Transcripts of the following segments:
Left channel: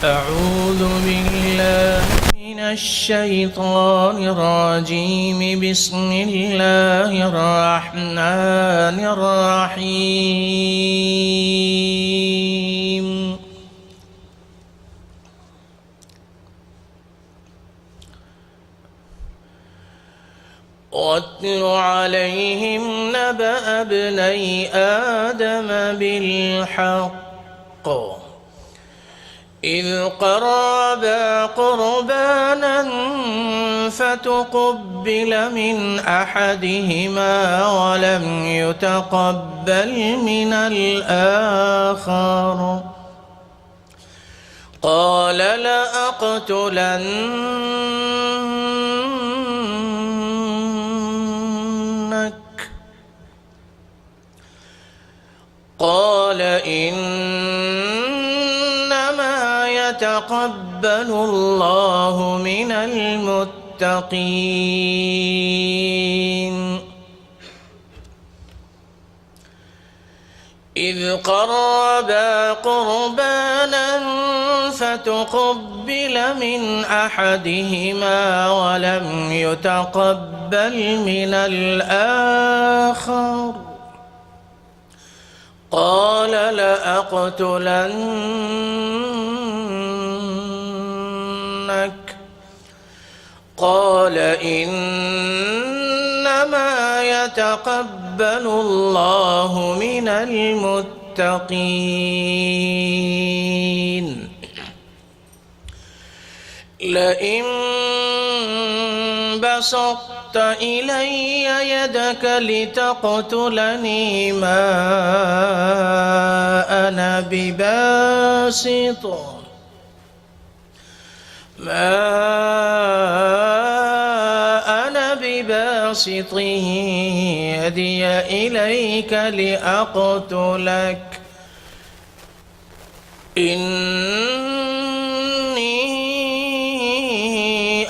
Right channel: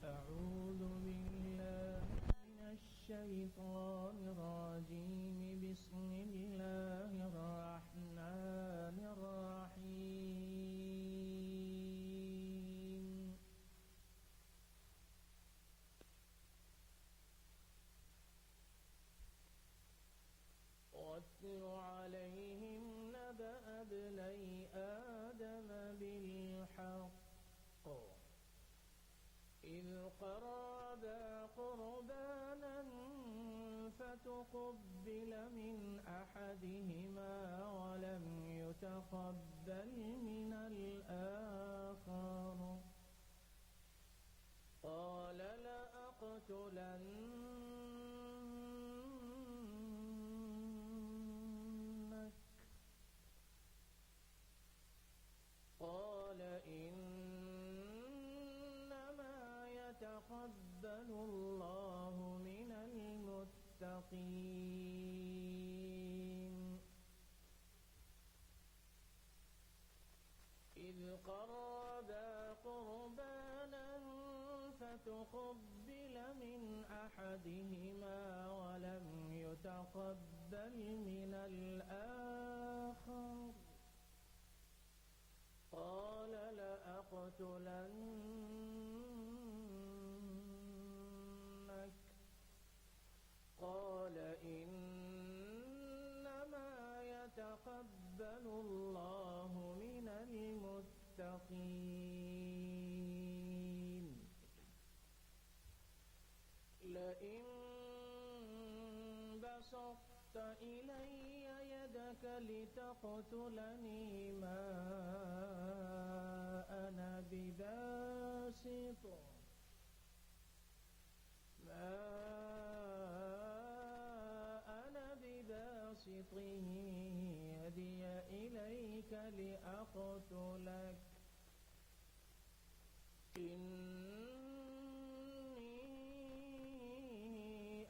أعوذ بالله من الشيطان الرجيم. بسم الله الرحمن الرحيم. واتل عليهم نبأ ابني آدم بالحق إذ قربا قربانا فتقبل من أحدهما ولم يتقبل من الآخر قال لأقتلنك قال إنما يتقبل الله من المتقين. إذ قربا قربانا فتقبل من أحدهما ولم يتقبل من الآخر قال لأقتلنك قال إنما يتقبل الله من المتقين. لئن بسطت إلي يدك لتقتلني ما أنا بباسط يدي إليك لأقتلك إني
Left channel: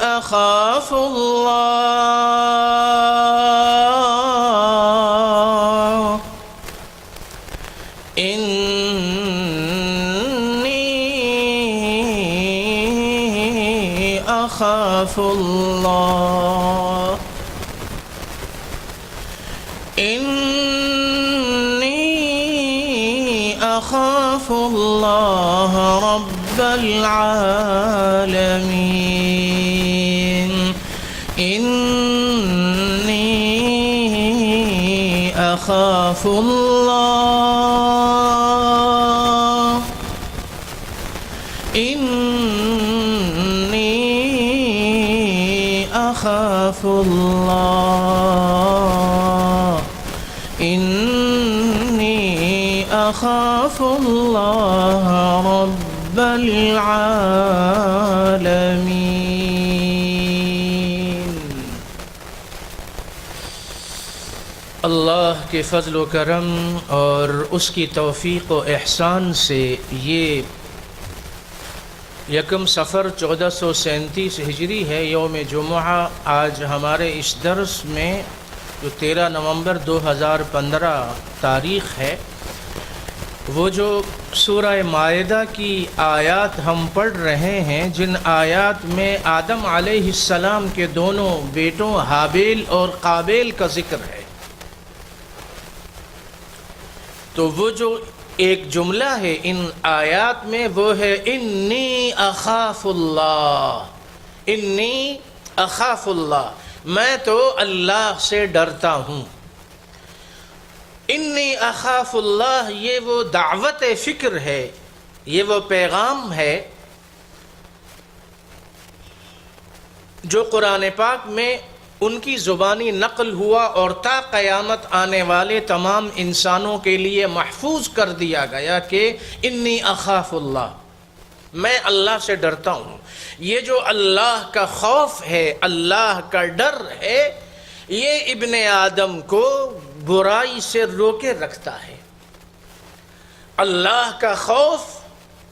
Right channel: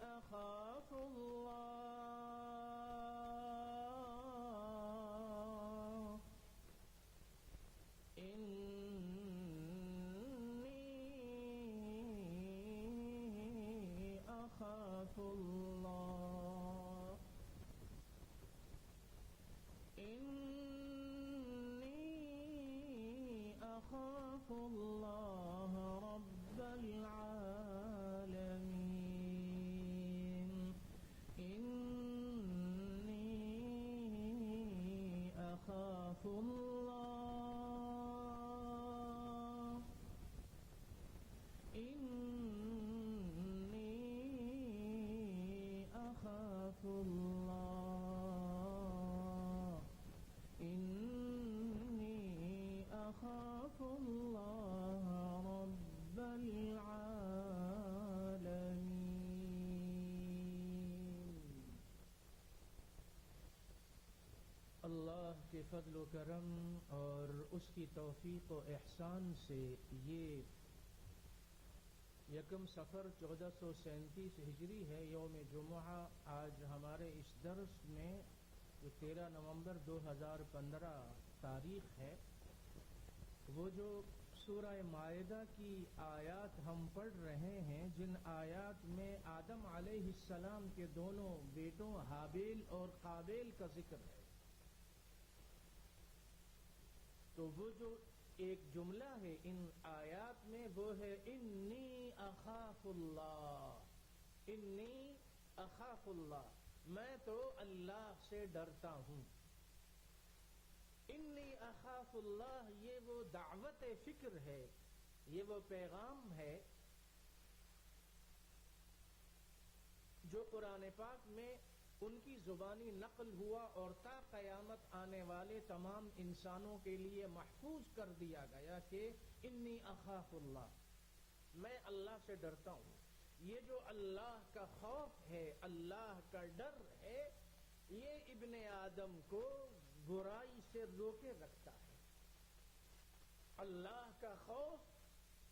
أخاف الله إني أخاف الله إني أخاف الله رب العالمين. إني أخاف الله إني أخاف الله إني أخاف الله رب العالمين. اللہ کے فضل و کرم اور اس کی توفیق و احسان سے یہ یکم صفر 1437 ہجری ہے، یوم جمعہ. آج ہمارے اس درس میں جو 13 نومبر 2015 تاریخ ہے، وہ جو سورہ مائدہ کی آیات ہم پڑھ رہے ہیں، جن آیات میں آدم علیہ السلام کے دونوں بیٹوں حابیل اور قابیل کا ذکر ہے، تو وہ جو ایک جملہ ہے ان آیات میں وہ ہے انی اخاف اللہ. انی اخاف اللہ، میں تو اللہ سے ڈرتا ہوں. انی اخاف اللہ، یہ وہ دعوت فکر ہے، یہ وہ پیغام ہے جو قرآن پاک میں ان کی زبانی نقل ہوا اور تا قیامت آنے والے تمام انسانوں کے لیے محفوظ کر دیا گیا کہ انی اخاف اللہ، میں اللہ سے ڈرتا ہوں. یہ جو اللہ کا خوف ہے، اللہ کا ڈر ہے، یہ ابن آدم کو برائی سے روکے رکھتا ہے. اللہ کا خوف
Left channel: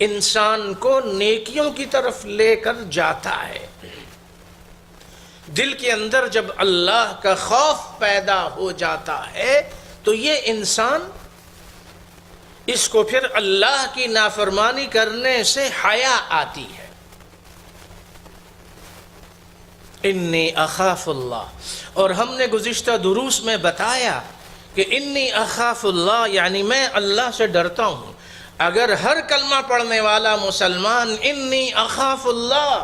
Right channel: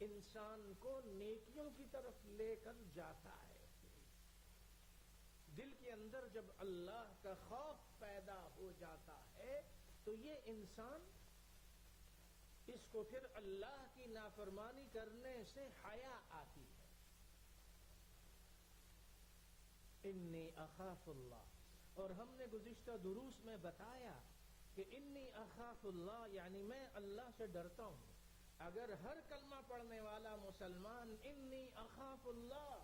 انسان کو نیکیوں کی طرف لے کر جاتا ہے. دل کے اندر جب اللہ کا خوف پیدا ہو جاتا ہے تو یہ انسان اس کو پھر اللہ کی نافرمانی کرنے سے حیا آتی ہے۔ انی اخاف اللہ، اور ہم نے گزشتہ دروس میں بتایا کہ انی اخاف اللہ یعنی میں اللہ سے ڈرتا ہوں۔ اگر ہر کلمہ پڑھنے والا مسلمان انی اخاف اللہ،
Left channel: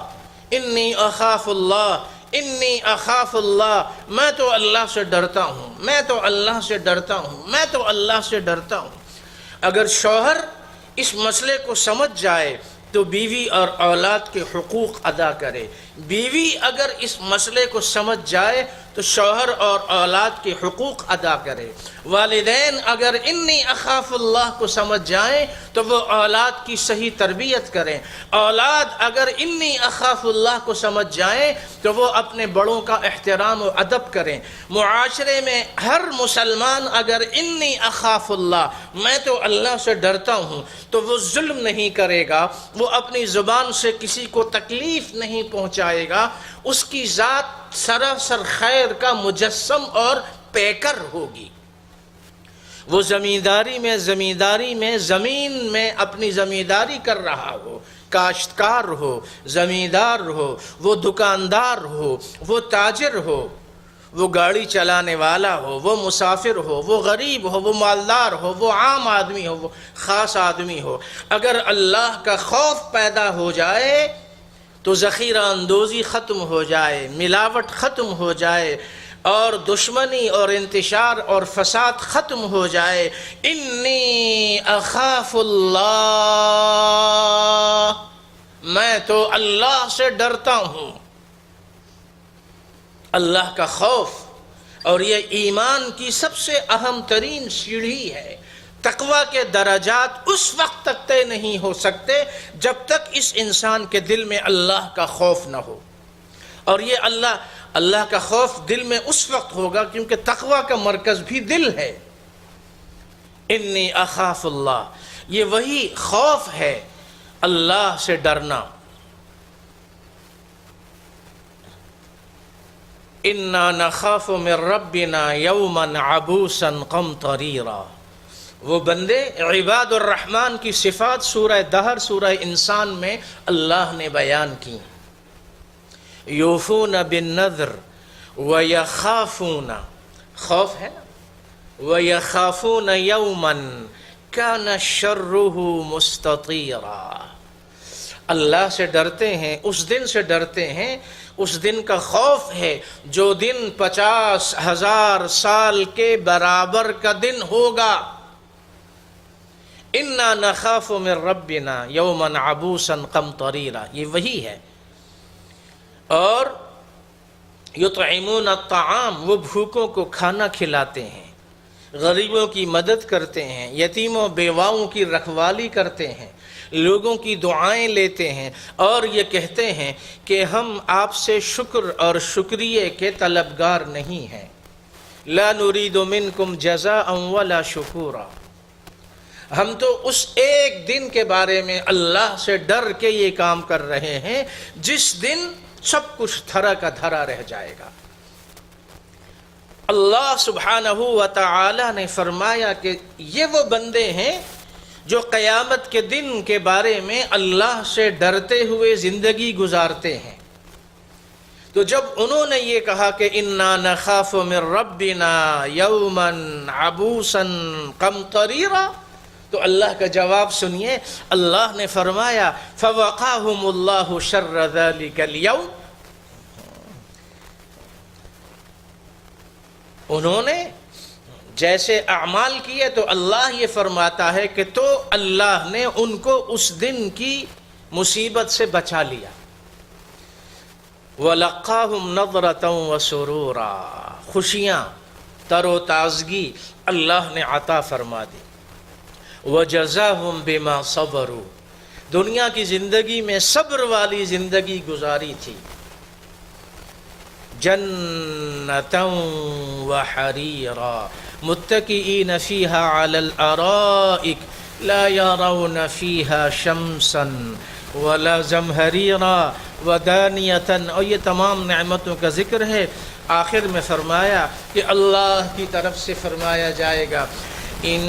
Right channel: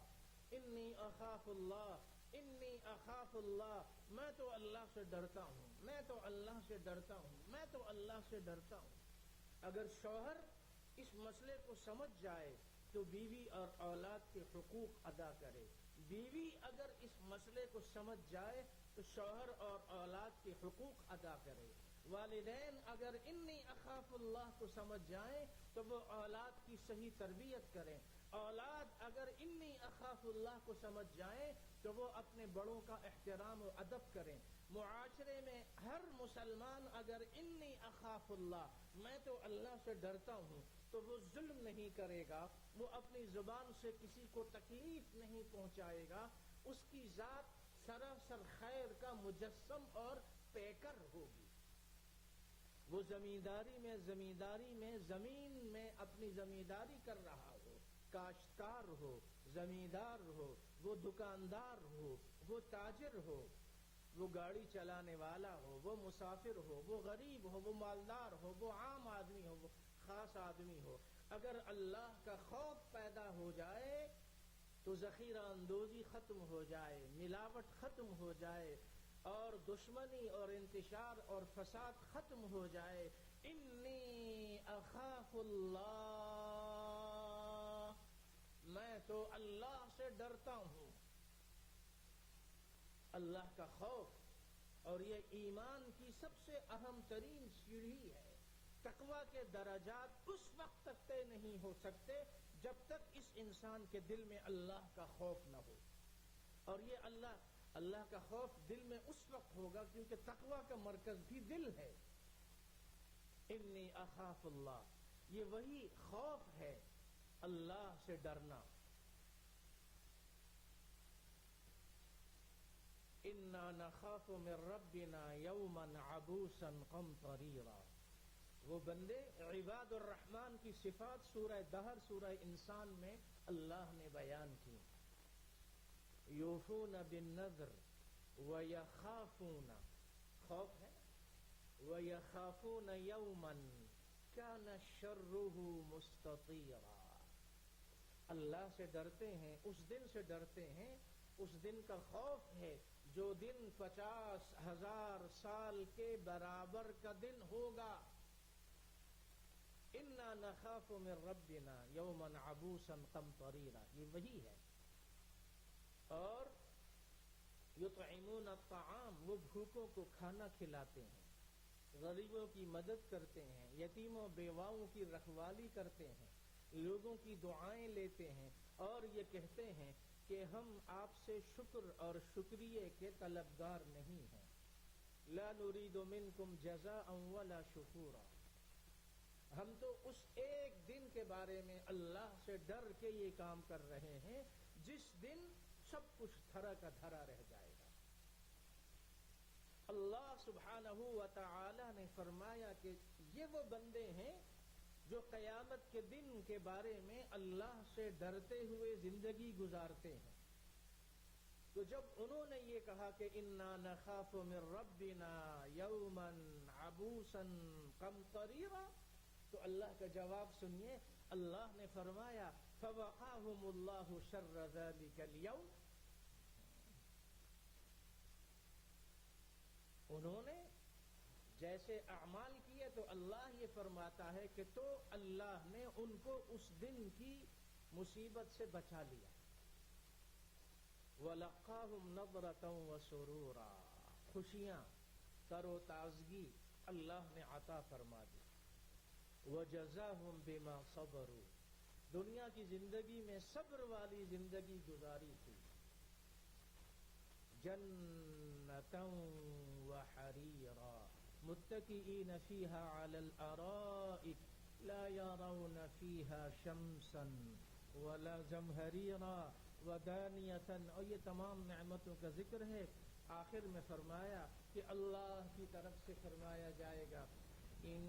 انی اخاف اللہ، انی اخاف اللہ، میں تو اللہ سے ڈرتا ہوں، میں تو اللہ سے ڈرتا ہوں، میں تو اللہ سے ڈرتا ہوں، اگر شوہر اس مسئلے کو سمجھ جائے تو بیوی اور اولاد کے حقوق ادا کرے، بیوی اگر اس مسئلے کو سمجھ جائے تو شوہر اور اولاد کے حقوق ادا کرے، والدین اگر انی اخاف اللہ کو سمجھ جائیں تو وہ اولاد کی صحیح تربیت کریں، اولاد اگر انی اخاف اللہ کو سمجھ جائیں تو وہ اپنے بڑوں کا احترام و ادب کریں، معاشرے میں ہر مسلمان اگر انی اخاف اللہ، میں تو اللہ سے ڈرتا ہوں، تو وہ ظلم نہیں کرے گا، وہ اپنی زبان سے کسی کو تکلیف نہیں پہنچائے گا، اس کی ذات سراسر خیر کا مجسم اور پیکر ہوگی۔ وہ زمینداری میں زمین میں اپنی زمینداری کر رہا ہو، کاشتکار ہو، زمیندار ہو، وہ دکاندار ہو، وہ تاجر ہو، وہ گاڑی چلانے والا ہو، وہ مسافر ہو، وہ غریب ہو، وہ مالدار ہو، وہ عام آدمی ہو، وہ خاص آدمی ہو، اگر اللہ کا خوف پیدا ہو جائے تو ذخیرہ اندوزی ختم ہو جائے، ملاوٹ ختم ہو جائے، اور دشمنی اور انتشار اور فساد ختم ہو جائے۔ انی اخاف اللہ، میں تو اللہ سے ڈرتا ہوں۔ اللہ کا خوف، اور یہ ایمان کی سب سے اہم ترین سیڑھی ہے۔ تقوی کے درجات اس وقت تک طے نہیں ہو سکتے جب تک اس انسان کے دل میں اللہ کا خوف نہ ہو، اور یہ اللہ کا خوف دل میں اس وقت ہوگا کیونکہ تقوی کا مرکز بھی دل ہے۔ انی اخاف اللہ، یہ وہی خوف ہے، اللہ سے ڈرنا۔ انا نخاف من ربنا یوما عبوسا قمطریرا، وہ بندے عباد الرحمن کی صفات سورہ دہر، سورہ انسان میں اللہ نے بیان کی۔ یوفون بالنذر ویخافون، خوف ہے نا، ویخافون یوما کان شرہ مستطیرا، اللہ سے ڈرتے ہیں، اس دن سے ڈرتے ہیں، اس دن کا خوف ہے جو دن 50,000 سال کے برابر کا دن ہوگا۔ انا نخاف من ربنا یوما عبوسا قمطریرا، یہ وہی ہے۔ اور یطعمون الطعام، وہ بھوکوں کو کھانا کھلاتے ہیں، غریبوں کی مدد کرتے ہیں، یتیموں بیواؤں کی رکھوالی کرتے ہیں، لوگوں کی دعائیں لیتے ہیں، اور یہ کہتے ہیں کہ ہم آپ سے شکر اور شکریہ کے طلبگار نہیں ہیں۔ لا نريد منکم جزاء ولا شکورا، ہم تو اس ایک دن کے بارے میں اللہ سے ڈر کے یہ کام کر رہے ہیں جس دن سب کچھ دھرا کا دھرا رہ جائے گا۔ اللہ سبحانہ و تعالی نے فرمایا کہ یہ وہ بندے ہیں جو قیامت کے دن کے بارے میں اللہ سے ڈرتے ہوئے زندگی گزارتے ہیں۔ تو جب انہوں نے یہ کہا کہ انا نخاف من ربنا یوما عبوسا قمطریرا، تو اللہ کا جواب سنیے، اللہ نے فرمایا فوقاہم اللہ شر ذلک اليوم، انہوں نے جیسے اعمال کیے تو اللہ یہ فرماتا ہے کہ تو اللہ نے ان کو اس دن کی مصیبت سے بچا لیا۔ وَلَقَّاهُمْ نَضْرَةً وَسُرُورًا، خوشیاں، تر و تازگی اللہ نے عطا فرما دی۔ وَجَزَاهُمْ بِمَا صَبَرُوا، دنیا کی زندگی میں صبر والی زندگی گزاری تھی۔ جَنَّةً وَحَرِيرًا متکئین فیہا علی الارائک لا یرون فیہا شمسا ولا زمہریرا ودانیتا، اور یہ تمام نعمتوں کا ذکر ہے۔ آخر میں فرمایا کہ اللہ کی طرف سے فرمایا جائے گا ان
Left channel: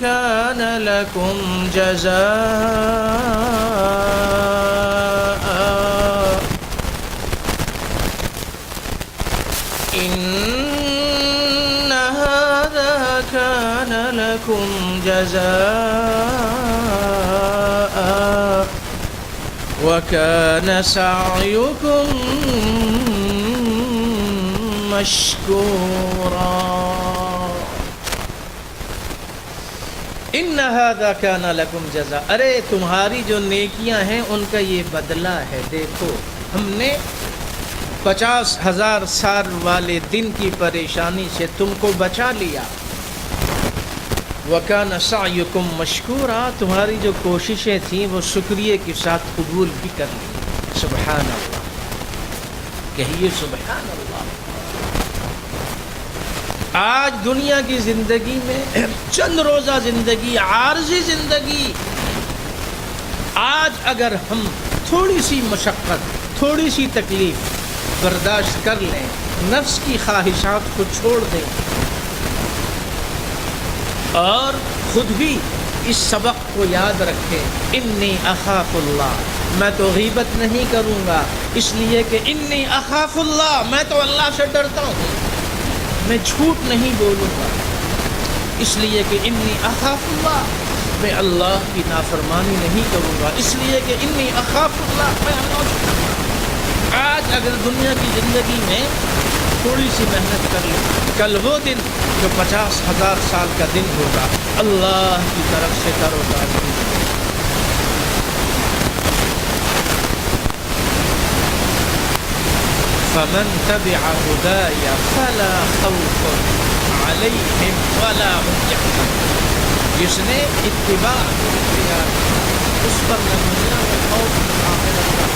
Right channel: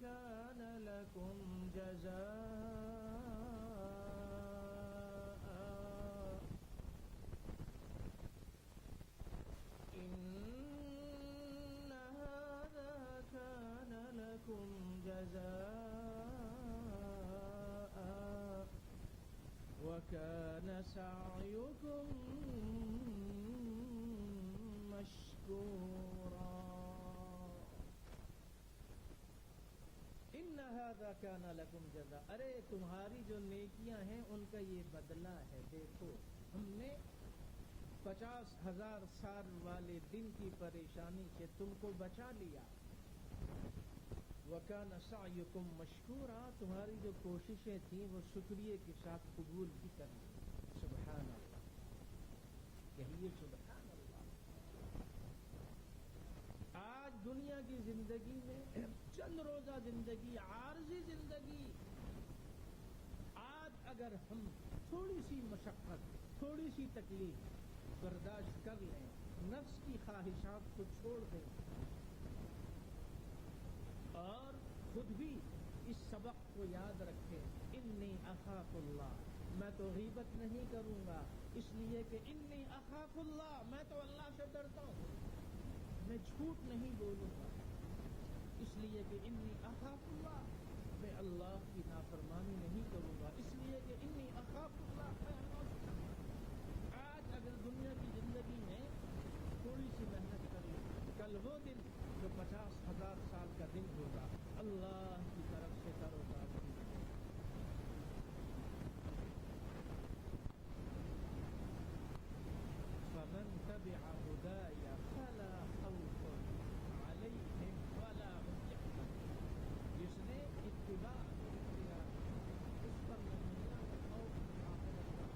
كان لكم جزاء إن هذا كان لكم جزاء وكان سعيكم مشكورا ان هذا كان لكم جزاء، ارے تمہاری جو نیکیاں ہیں ان کا یہ بدلہ ہے. دیکھو ہم نے 50,000 سال والے دن کی پریشانی سے تم کو بچا لیا. وَكَانَ سَعْيُكُمْ مَشْكُورًا، تمہاری جو کوششیں تھیں وہ شکریہ کے ساتھ قبول بھی کر لی. سبحان اللہ، کہیے سبحان اللہ. آج دنیا کی زندگی میں چند روزہ زندگی، عارضی زندگی، آج اگر ہم تھوڑی سی مشقت، تھوڑی سی تکلیف برداشت کر لیں، نفس کی خواہشات کو چھوڑ دیں اور خود بھی اس سبق کو یاد رکھیں، انی اخاف اللہ، میں تو غیبت نہیں کروں گا اس لیے کہ انی اخاف اللہ، میں تو اللہ سے ڈرتا ہوں. میں جھوٹ نہیں بولوں گا اس لیے کہ انی اخاف اللہ، میں اللہ کی نافرمانی نہیں کروں گا اس لیے کہ انی اخاف اللہ، میں اللہ سے ڈرتا ہوں. آج اگر دنیا کی زندگی میں تھوڑی سی محنت کر لیں، کل وہ دن جو 50,000 سال کا دن ہوگا اللہ کی طرف سے تر و تازہ. فمن تبع هداي فلا خوف عليهم ولا هم يحزنون، جس نے اتباع اختیار اس پر نہ دنیا میں خوف نہ آخرت کا.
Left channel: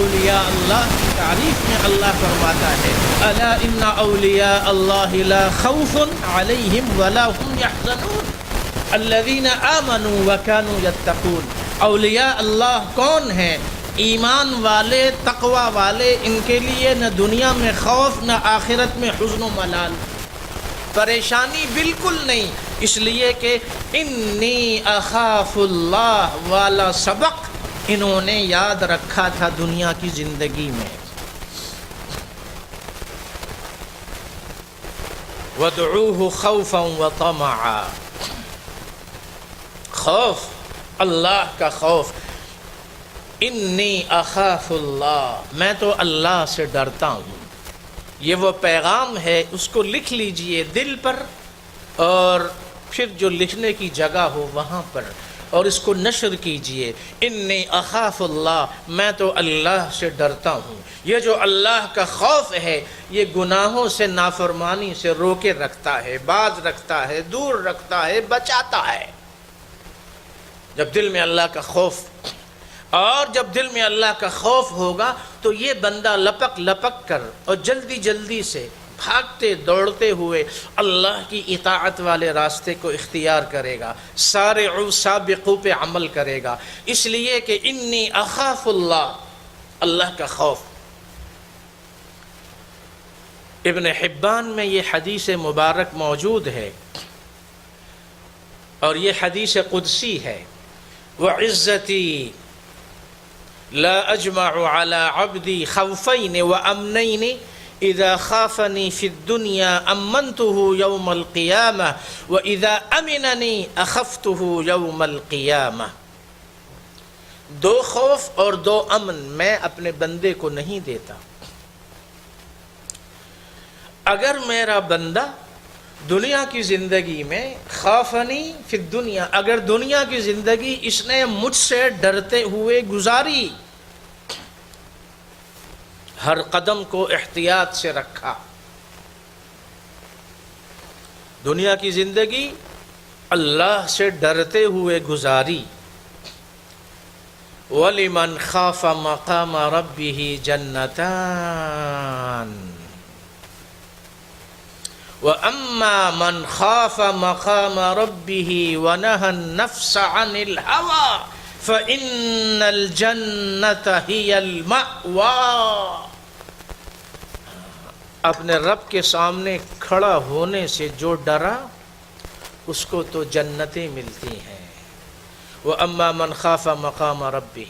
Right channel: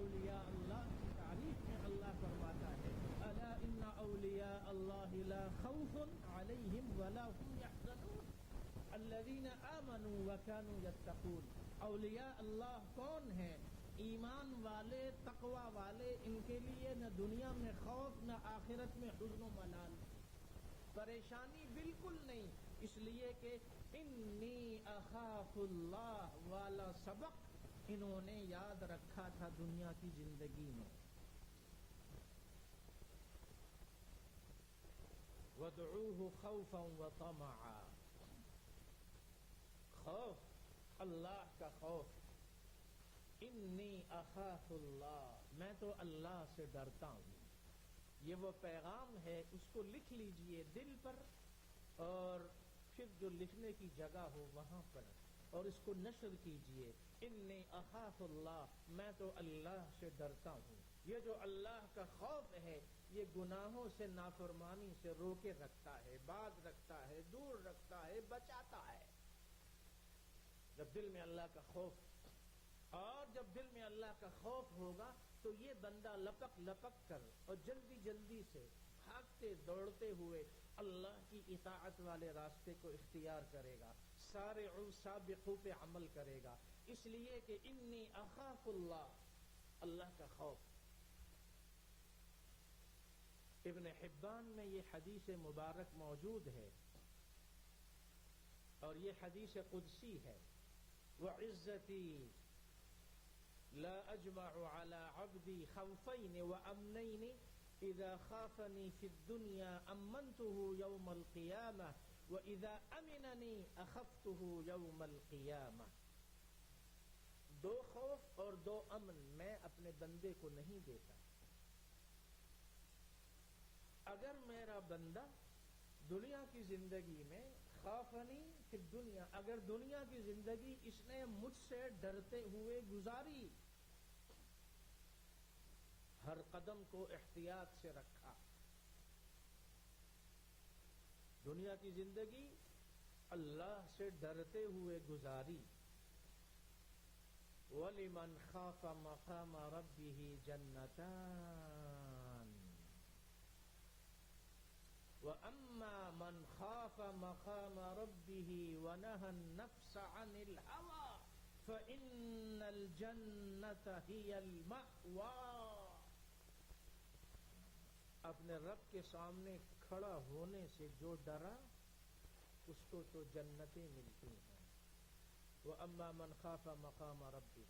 اولیاء اللہ کی تعریف میں اللہ فرماتا ہے الا ان اولیاء اللہ لا خوف علیہم ولا هم يحزنون الذین آمنوا وكانوا يتقون. اولیاء اللہ کون ہیں؟ ایمان والے، تقوی والے. ان کے لیے نہ دنیا میں خوف نہ آخرت میں حزن و ملال، پریشانی بالکل نہیں، اس لیے کہ انی اخاف اللہ والا سبق انہوں نے یاد رکھا تھا دنیا کی زندگی میں. وَادْعُوهُ خَوْفًا وَطَمَعًا، خوف، اللہ کا خوف. انی اخاف اللہ، میں تو اللہ سے ڈرتا ہوں. یہ وہ پیغام ہے، اس کو لکھ لیجئے دل پر اور پھر جو لکھنے کی جگہ ہو وہاں پر، اور اس کو نشر کیجئے. انی اخاف اللہ، میں تو اللہ سے ڈرتا ہوں. یہ جو اللہ کا خوف ہے یہ گناہوں سے، نافرمانی سے روکے رکھتا ہے، باز رکھتا ہے، دور رکھتا ہے، بچاتا ہے. جب دل میں اللہ کا خوف، اور جب دل میں اللہ کا خوف ہوگا تو یہ بندہ لپک لپک کر اور جلدی جلدی سے بھاگتے دوڑتے ہوئے اللہ کی اطاعت والے راستے کو اختیار کرے گا، سارعوا سابقوا پہ عمل کرے گا. اس لیے کہ انی اخاف اللہ، اللہ کا خوف. ابن حبان میں یہ حدیث مبارک موجود ہے اور یہ حدیث قدسی ہے. وعزتی لا اجمع على عبدی خوفین وامنین اذا خافنی فی الدنیا امنته یوم القیامہ واذا امننی اخفته یوم القیامہ. 2 خوف اور 2 امن میں اپنے بندے کو نہیں دیتا. اگر میرا بندہ دنیا کی زندگی میں خافنی فی الدنیا، اگر دنیا کی زندگی اس نے مجھ سے ڈرتے ہوئے گزاری، ہر قدم کو احتیاط سے رکھا، دنیا کی زندگی اللہ سے ڈرتے ہوئے گزاری. وَلِمَنْ خَافَ مَقَامَ رَبِّهِ جَنَّتَانِ وَأَمَّا مَنْ خَافَ مَقَامَ رَبِّهِ وَنَهَى النَّفْسَ عَنِ الْهَوَى فَإِنَّ الْجَنَّةَ هِيَ الْمَأْوَى. اپنے رب کے سامنے کھڑا ہونے سے جو ڈرا اس کو تو جنتیں ملتی ہیں. وَأَمَّا مَنْ خَافَ مَقَامَ رَبِّهِ،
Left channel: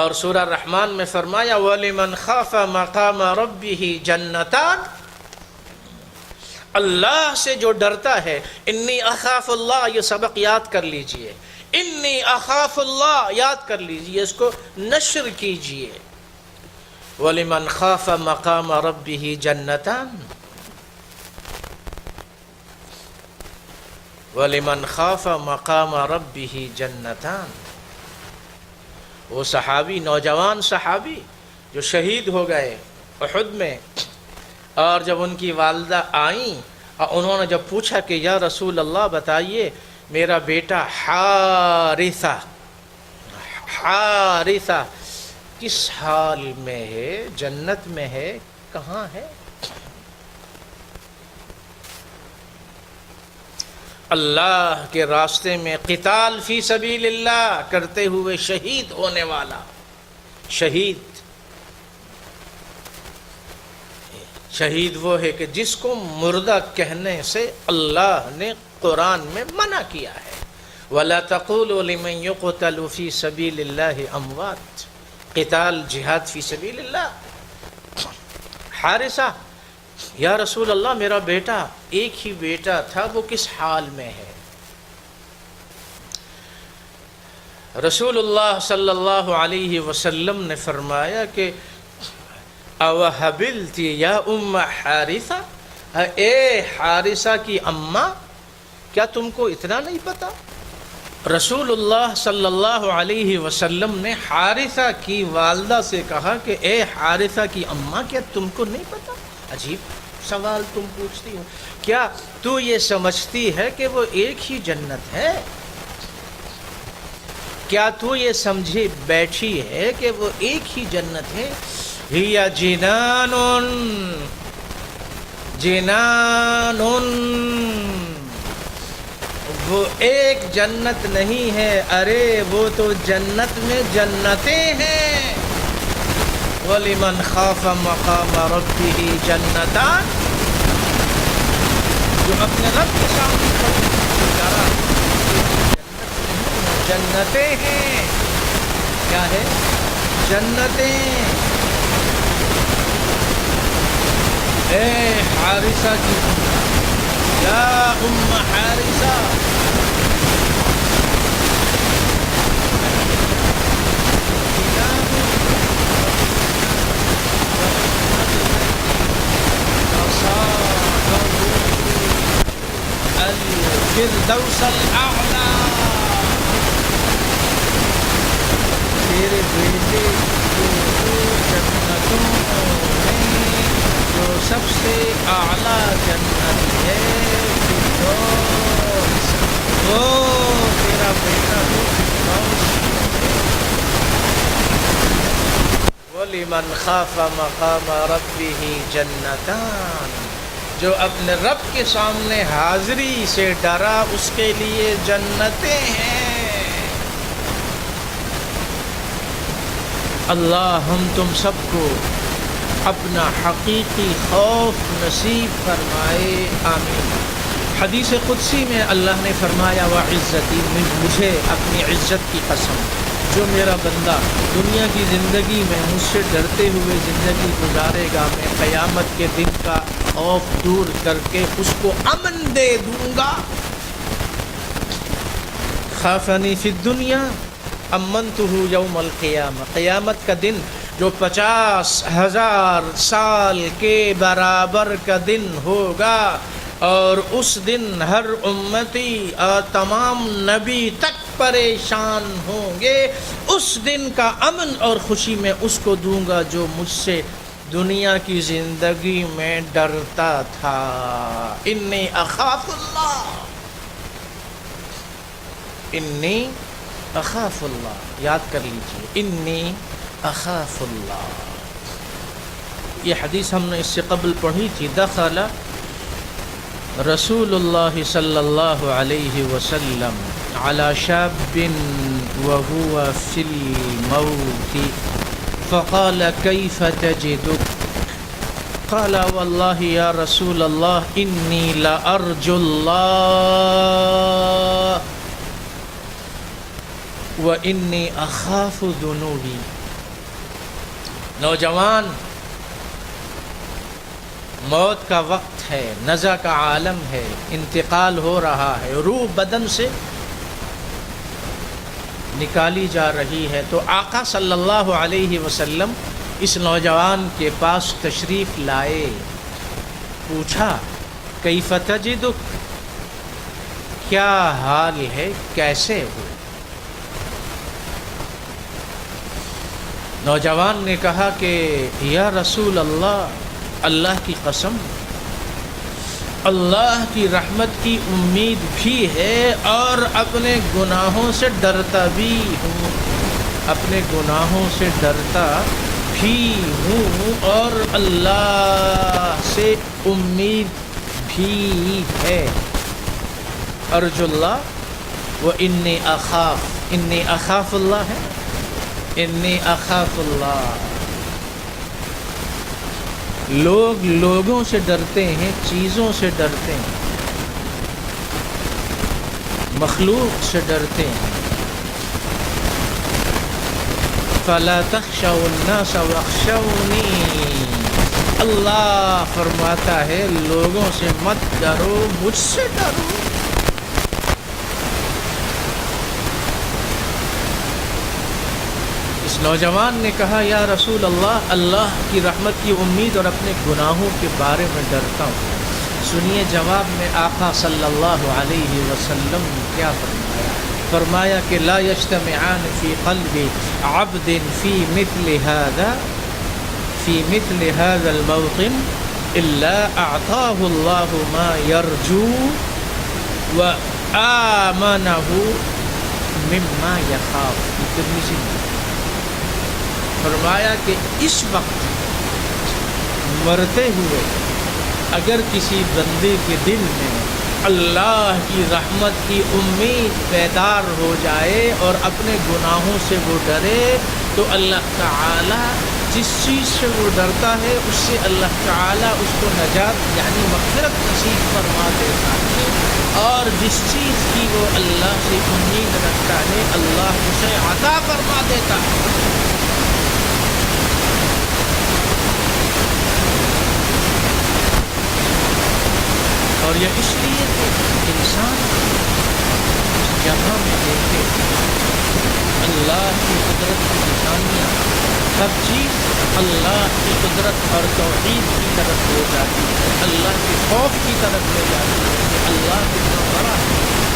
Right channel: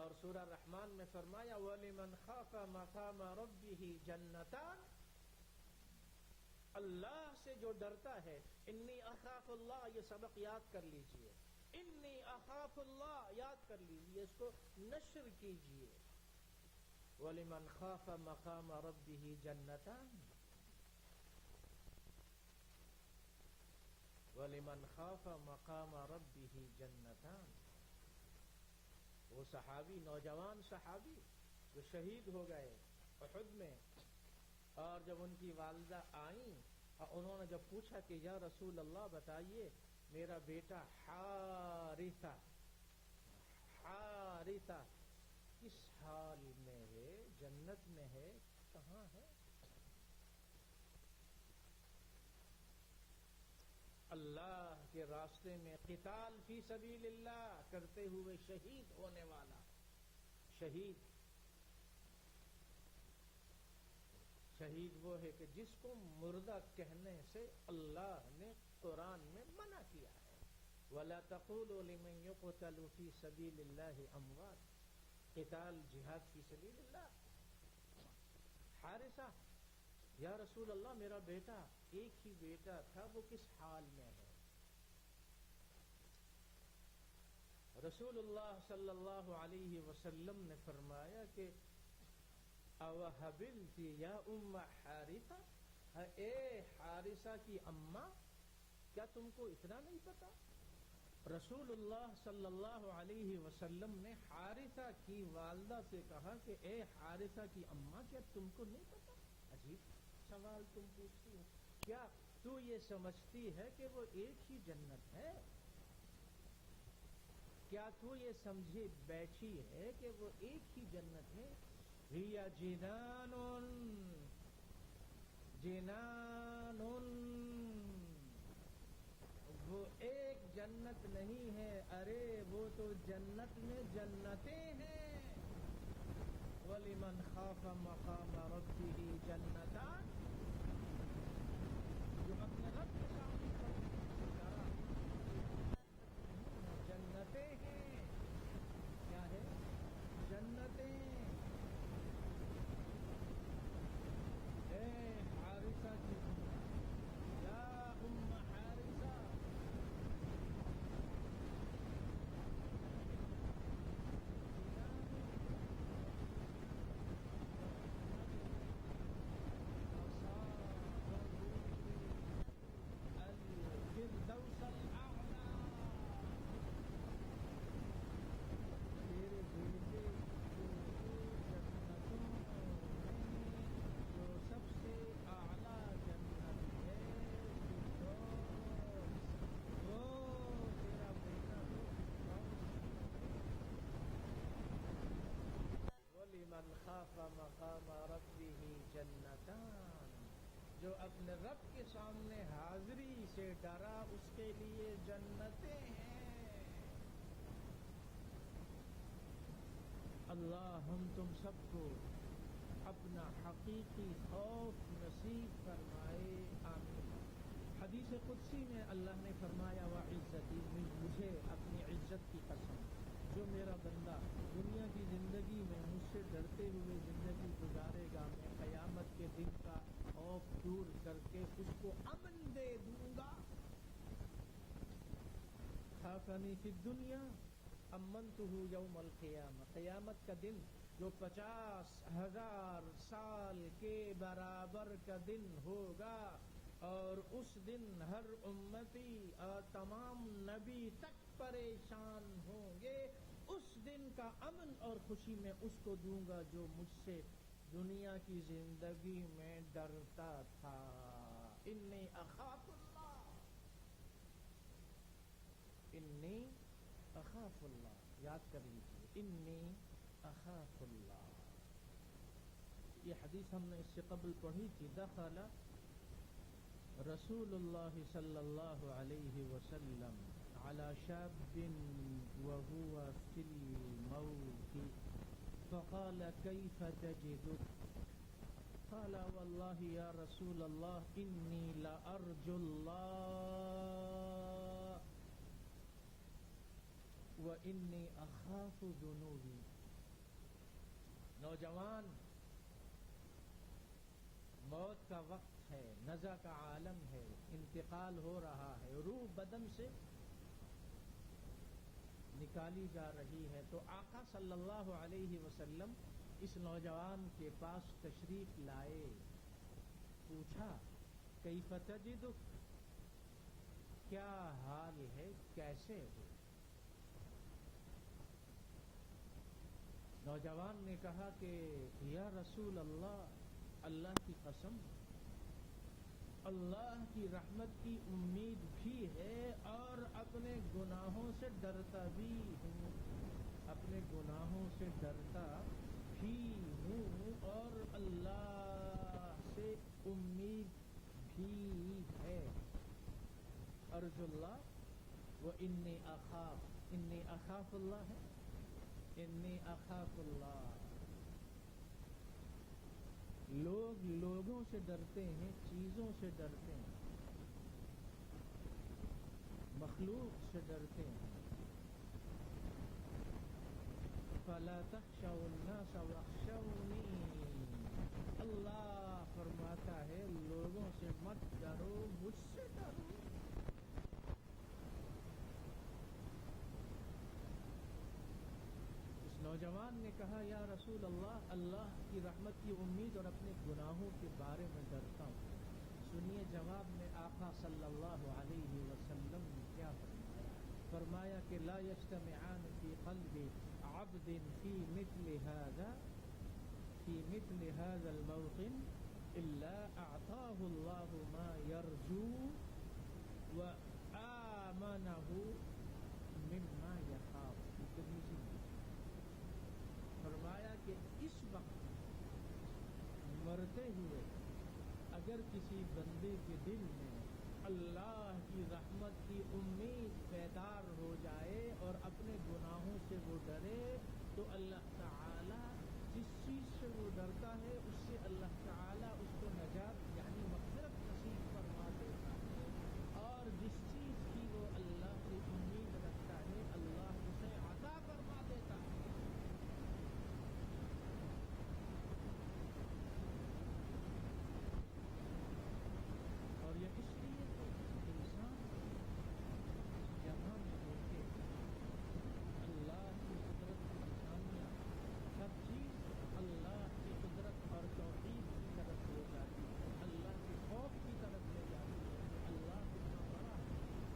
اور سورہ رحمان میں فرمایا وَلِمَنْ خَافَ مَقَامَ رَبِّهِ جَنَّتَانِ، اللہ سے جو ڈرتا ہے. انی اخاف اللہ، یہ سبق یاد کر لیجئے، انی اخاف اللہ یاد کر لیجئے، اس کو نشر کیجئے. وَلِمَنْ خَافَ مَقَامَ رَبِّهِ جَنَّتَانِ، وَلِمَنْ خَافَ مَقَامَ رَبِّهِ جَنَّتَانِ. وہ صحابی، نوجوان صحابی جو شہید ہو گئے احد میں، اور جب ان کی والدہ آئیں اور انہوں نے جب پوچھا کہ یا رسول اللہ بتائیے میرا بیٹا حارثہ کس حال میں ہے، جنت میں ہے، کہاں ہے؟ اللہ کے راستے میں قتال فی سبیل اللہ کرتے ہوئے شہید ہونے والا. شہید وہ ہے کہ جس کو مردہ کہنے سے اللہ نے قرآن میں منع کیا ہے. وَلَا تَقُولُوا لِمَنْ يُقْتَلُ فِي سَبِيلِ اللَّهِ أَمْوَاتٌ، قتال جہاد فی سبیل اللہ. حارثہ، یا رسول اللہ میرا بیٹا، ایک ہی بیٹا تھا، وہ کس حال میں ہے؟ رسول اللہ صلی اللہ علیہ وسلم نے فرمایا کہ اوہبلتی یا ام حارثہ، اے حارثہ کی اماں، کیا تم کو اتنا نہیں پتا؟ رسول اللہ صلی اللہ علیہ وسلم نے حارثہ کی والدہ سے کہا کہ اے حارثہ کی اماں، کیا تم کو نہیں پتا؟ عجیب سوال تم پوچھتی ہو، کیا تو یہ سمجھتی ہے کہ وہ ایک ہی جنت ہے؟ کیا تو یہ سمجھے بیٹھی ہے کہ وہ ایک ہی جنت ہے؟ ہِیَ جنان، وہ ایک جنت نہیں ہے، ارے وہ تو جنت میں جنتیں ہیں. وَلِمَنْ خَافَ مَقَامَ رَبِّهِ جَنَّتَانِ، جو اپنے رب کے سامنے ڈرا، جنتیں ہیں. کیا ہے؟ جنتیں. اے حارثہ کی یا ام حارثہ، الفردوس الاعلی، تیرے بیٹے کو جنتوں میں جو سب سے اعلیٰ جنت ہے فردوس، وہ تیرا بیٹا وہ فردوس. وَلِمَنْ خَافَ مَقَامَ رَبِّهِ جَنَّتَانِ، جو اپنے رب کے سامنے حاضری سے ڈرا اس کے لیے جنتیں ہیں. اللہ ہم تم سب کو اپنا حقیقی خوف نصیب فرمائے، آمین. حدیث قدسی میں اللہ نے فرمایا وعزتی، مجھے اپنی عزت کی قسم، جو میرا بندہ دنیا کی زندگی میں مجھ سے ڈرتے ہوئے زندگی گزارے گا، میں قیامت کے دن کا خوف دور کر کے اس کو امن دے دوں گا. خافنی فی الدنیا امنتہ یوم القیامہ، قیامت کا دن جو 50,000 سال کے برابر کا دن ہوگا، اور اس دن ہر امتی اور تمام نبی تک پریشان ہوں گے، اس دن کا امن اور خوشی میں اس کو دوں گا جو مجھ سے دنیا کی زندگی میں ڈرتا تھا. انی اخاف اللہ، انی اخاف اللہ، یاد کر لیجیے، انی اخاف اللہ. یہ حدیث ہم نے اس سے قبل پڑھی تھی. دخل رسول اللہ صلی اللہ علیہ وسلم على شاب وهو في الموت فقال كيف تجدك قال والله يا رسول الله إني لأرجو الله وإني أخاف ذنوبي. نوجوان، موت کا وقت ہے، نزع کا عالم ہے، انتقال ہو رہا ہے، روح بدن سے نکالی جا رہی ہے. تو آقا صلی اللہ علیہ وسلم اس نوجوان کے پاس تشریف لائے. پوچھا کیف تجدک، کیا حال ہے، کیسے ہو؟ نوجوان نے کہا کہ یا رسول اللہ، اللہ کی قسم، اللہ کی رحمت کی امید بھی ہے اور اپنے گناہوں سے ڈرتا بھی ہوں، اپنے گناہوں سے ڈرتا بھی ہوں اور اللہ سے امید بھی ہے. ارجو اللہ و انی اخاف اللہ ہے، انی اخاف اللہ. لوگ لوگوں سے ڈرتے ہیں، چیزوں سے ڈرتے ہیں، مخلوق سے ڈرتے ہیں. فلا تخشوا الناس واخشونی، اللہ فرماتا ہے لوگوں سے مت ڈرو، مجھ سے ڈرو. اس نوجوان نے کہا یا رسول اللہ، اللہ کی رحمت کی امید اور اپنے گناہوں کے بارے میں ڈرتا ہوں. سنیے جواب میں آقا صلی اللہ علیہ وسلم کیا فرمایا کہ لا یجتمعان فی قلب عبد فی مثل هذا الموطن الا اعطاه اللہ ما یرجو وآمنه مما یخاف. فرمایا کہ اس وقت مرتے ہوئے اگر کسی بندے کے دل میں اللہ کی رحمت کی امید بیدار ہو جائے اور اپنے گناہوں سے وہ ڈرے تو اللہ تعالی جس چیز سے وہ ڈرتا ہے اس سے اللہ تعالی اس کو نجات یعنی مغفرت نصیب فرما دیتا ہے، اور جس چیز کی وہ اللہ سے امید رکھتا ہے اللہ اسے عطا فرما دیتا ہے. اور یہ اس لیے کہ انسان جہاں میں دیکھے اللہ کی قدرت کی نشانیاں، ہر چیز اللہ کی قدرت اور توحید کی طرف لے جاتی ہے، اللہ کے خوف کی طرف لے جاتی ہے کہ اللہ کتنا بڑا ہے،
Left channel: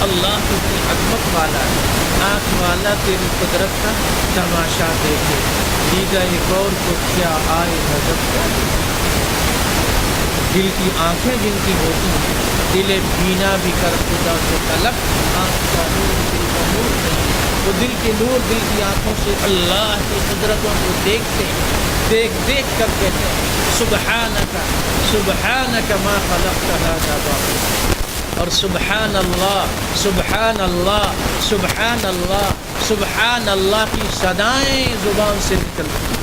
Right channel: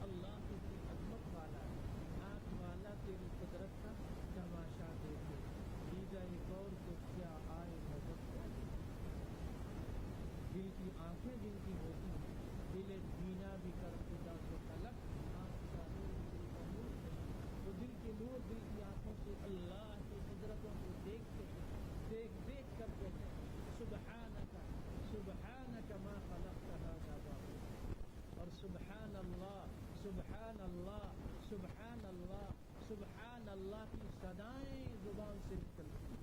اللہ کتنی عظمت والا ہے. آنکھ والا تیری قدرت کا تماشا دیکھے، دیگر غور کو کیا آئے نظر کیا. دل کی آنکھیں جن کی ہوتی ہیں، دل بینا بھی کر خدا سے طلب، آنکھ کا نور دل کا نور نہیں، وہ دل کے نور دل کی آنکھوں سے اللہ کی قدرتوں کو دیکھتے ہیں، دیکھ کر کہتے ہیں سبحانک سبحانک ما خلقت ھذا باطلا. اور سبحان اللہ سبحان اللہ سبحان اللہ سبحان اللہ کی صدائیں زبان سے نکلتی ہیں.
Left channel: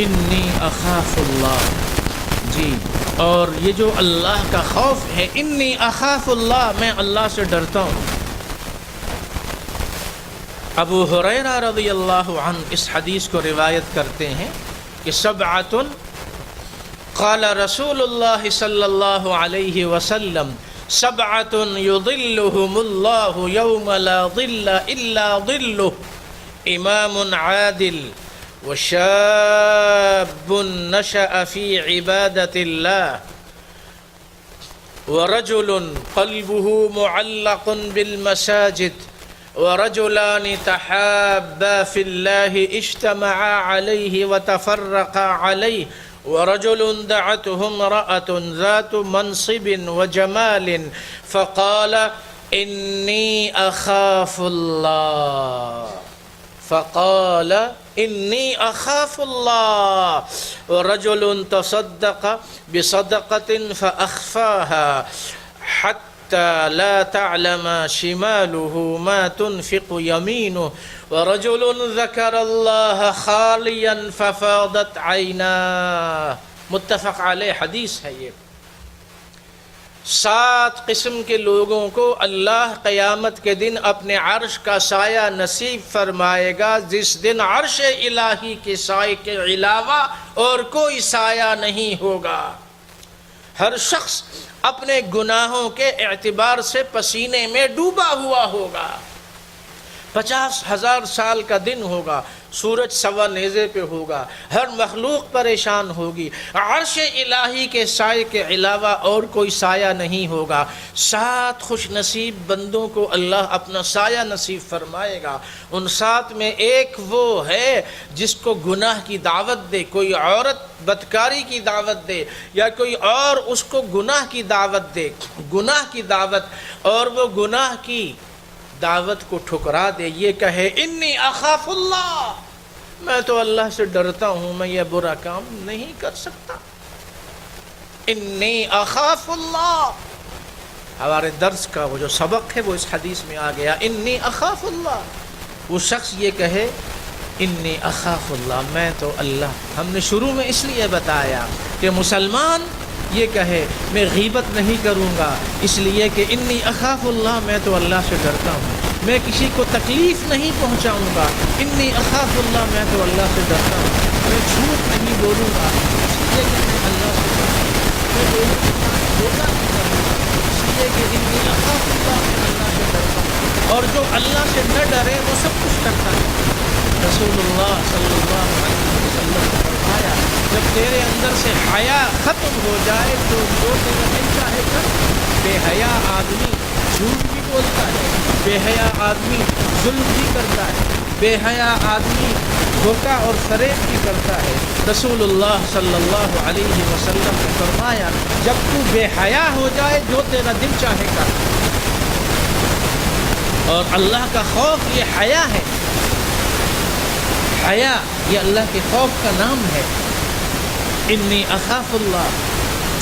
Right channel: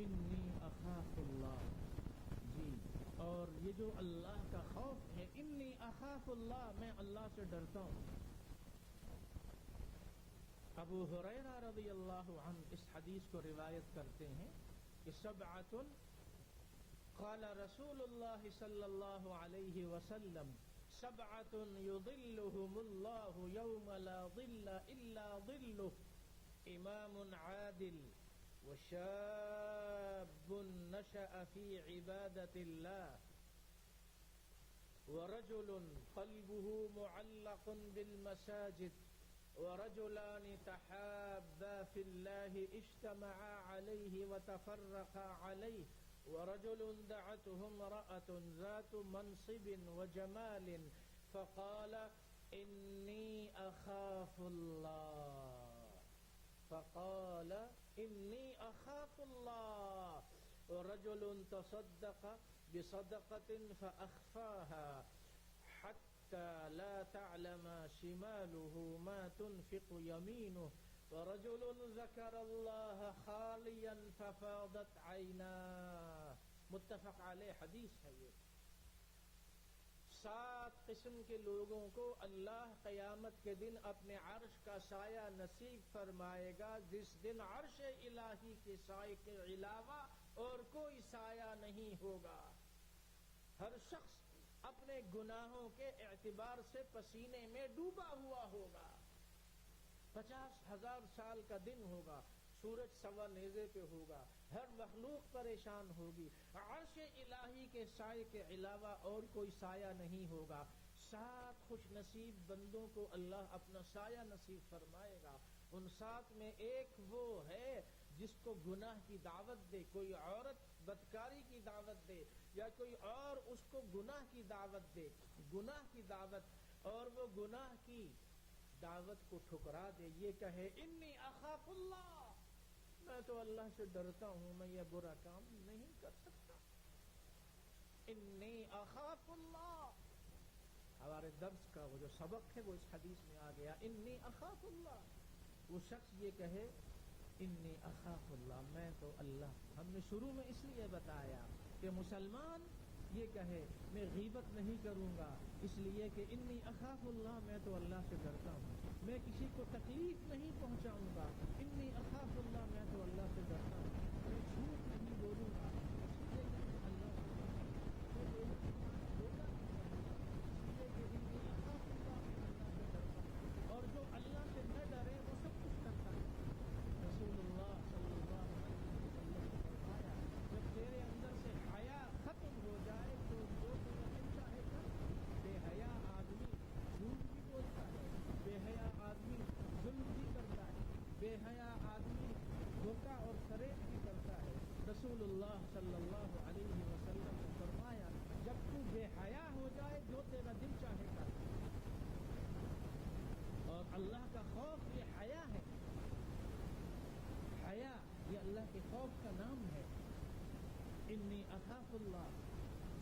انی اخاف اللہ، جی، اور یہ جو اللہ کا خوف ہے، انی اخاف اللہ، میں اللہ سے ڈرتا ہوں. ابو ہریرہ رضی اللہ عنہ اس حدیث کو روایت کرتے ہیں کہ سبعۃ قال رسول اللہ صلی اللہ علیہ وسلم سبعۃ یظلهم اللہ یوم لا ظل الا ظلہ، امام عادل وشاب نشأ في عبادة الله ورجل قلبه معلق بالمساجد ورجلان تحابا في الله اجتمعا عليه وتفرقا عليه ورجل دعته امرأة ذات منصب وجمال فقال إني أخاف الله إني أخاف الله ورجل تصدق بصدقة فأخفاها حتى لا تعلم شماله ما تنفق يمينه ورجل ذكر الله خاليا ففاضت عيناه. متفق علیہ حدیث ہے یہ. 7 قسم کے لوگوں کو اللہ قیامت کے دن اپنے عرش کا سایہ نصیب فرمائے گا، جس دن عرش الہی کے سائے کے علاوہ اور کوئی سایہ نہیں ہوگا. ہر شخص اپنے گناہوں کے اعتبار سے پسینے میں ڈوبا ہوا ہوگا. 50,000 سال کا دن ہوگا، سورج سوا نیزے پہ ہوگا، ہر مخلوق پریشان ہوگی، عرش الہی کے سائے کے علاوہ اور کوئی سایہ نہیں ہوگا. 7 خوش نصیب بندوں کو اللہ اپنا سایہ نصیب فرمائے گا. ان 7 میں ایک وہ ہے جس کو گناہ کی دعوت دے، کوئی عورت بدکاری کی دعوت دے یا کوئی اور اس کو گناہ کی دعوت دے، گناہ کی دعوت، اور وہ گناہ کی دعوت کو ٹھکرا دے، یہ کہے انی اخاف اللہ، میں تو اللہ سے ڈرتا ہوں، میں یہ برا کام نہیں کر سکتا. انی اخاف اللہ، ہمارے درس کا وہ جو سبق ہے وہ اس حدیث میں آ گیا، انی اخاف اللہ. وہ شخص یہ کہے انی اخاف اللہ، میں تو اللہ. ہم نے شروع میں اس لیے بتایا کہ مسلمان یہ کہے میں غیبت نہیں کروں گا، اس لیے کہ انی اخاف اللہ، میں تو اللہ سے ڈرتا ہوں، میں کسی کو تکلیف نہیں پہنچاؤں گا. انی اخاف اللہ، میں تو اللہ سے ڈرتا ہوں، میں جھوٹ نہیں بولوں گا، اس لیے کہ میں اللہ سے ڈرتا ہوں، میں لوگوں کے ساتھ دھوکہ نہیں کروں گا، اس لیے کہ انی اخاف اللہ، میں اللہ سے ڈرتا ہوں. اور جو اللہ سے نہ ڈرے وہ سب کچھ کرتا ہے. رسول اللہ صلی اللہ علیہ وسلم نے فرمایا جب تیرے اندر سے حیا ختم ہو جائے تو جو تیرا دل چاہے کر. بے حیا آدمی جھوٹ بھی بولتا ہے، بے حیا آدمی ظلم بھی کرتا ہے، بے حیا آدمی دھوکہ اور فریب بھی کرتا ہے. رسول اللہ صلی اللہ علیہ وسلم نے فرمایا جب تو بے حیا ہو جائے جو تیرا دل چاہے کر. اور اللہ کا خوف یہ حیا ہے. حیا یہ اللہ کے خوف کا نام ہے. انی اخاف اللہ،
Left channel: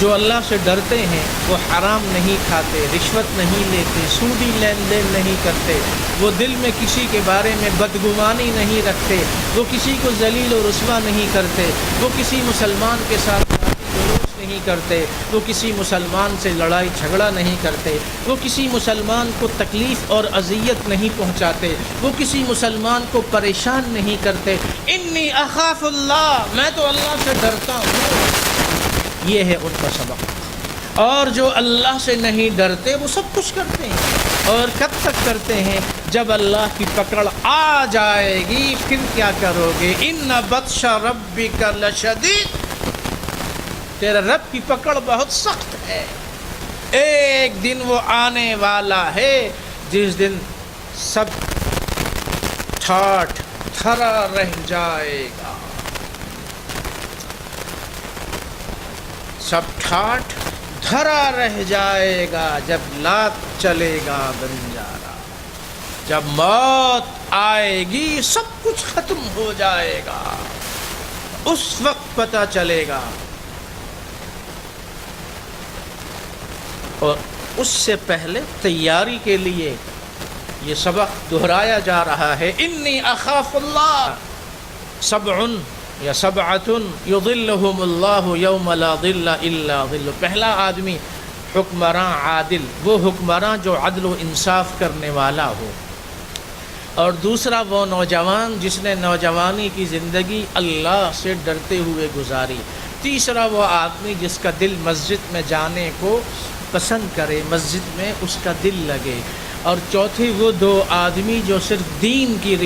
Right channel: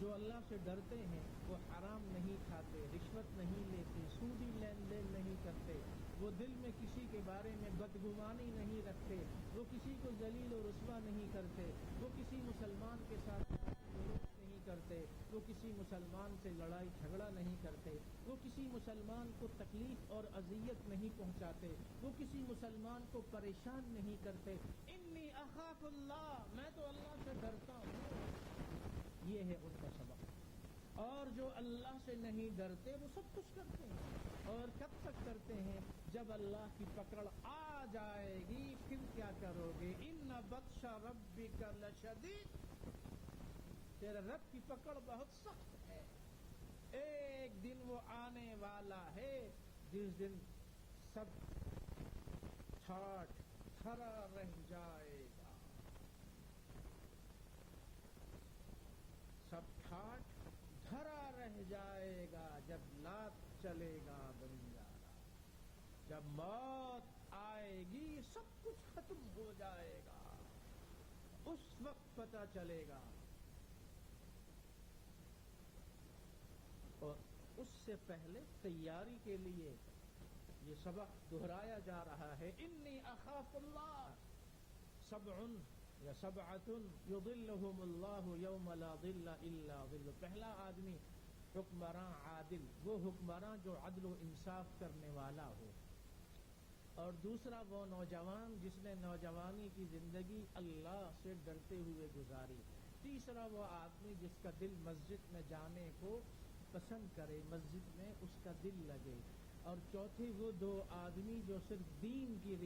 جو اللہ سے ڈرتے ہیں وہ حرام نہیں کھاتے، رشوت نہیں لیتے، سودی لین دین نہیں کرتے، وہ دل میں کسی کے بارے میں بدگمانی نہیں رکھتے، وہ کسی کو ذلیل و رسوا نہیں کرتے، وہ کسی مسلمان کے ساتھ جلوس نہیں کرتے، وہ کسی مسلمان سے لڑائی جھگڑا نہیں کرتے، وہ کسی مسلمان کو تکلیف اور اذیت نہیں پہنچاتے، وہ کسی مسلمان کو پریشان نہیں کرتے. انی اخاف اللہ، میں تو اللہ سے ڈرتا ہوں. یہ ہے ان کا سبق. اور جو اللہ سے نہیں ڈرتے وہ سب کچھ کرتے ہیں. اور کب تک کرتے ہیں؟ جب اللہ کی پکڑ آ جائے گی پھر کیا کرو گے؟ ان بطش ربک لشدید، تیرا رب کی پکڑ بہت سخت ہے. ایک دن وہ آنے والا ہے جس دن سب ٹھاٹھ تھرا رہ جائے گا، سب ٹھاٹھ دھرا رہ جائے گا. جب لات چلے گا بنجارا، جب موت آئے گی سب کچھ ختم ہو جائے گا، اس وقت پتہ چلے گا. اور اس سے پہلے تیاری کے لیے یہ سبق دہرایا جا رہا ہے. انی اخاف اللہ، سبع یا سبعۃ یظلہم اللہ یوم لا ظل الا ظلہ. پہلا آدمی حکمراں عادل، وہ حکمراں جو عدل و انصاف کرنے والا ہو. اور دوسرا وہ نوجوان جس نے نوجوانی کی زندگی اللہ سے ڈرتے ہوئے گزاری. تیسرا وہ آدمی جس کا دل مسجد میں جانے کو پسند کرے، مسجد میں اس کا دل لگے. اور چوتھی وہ 2 آدمی جو صرف دین کی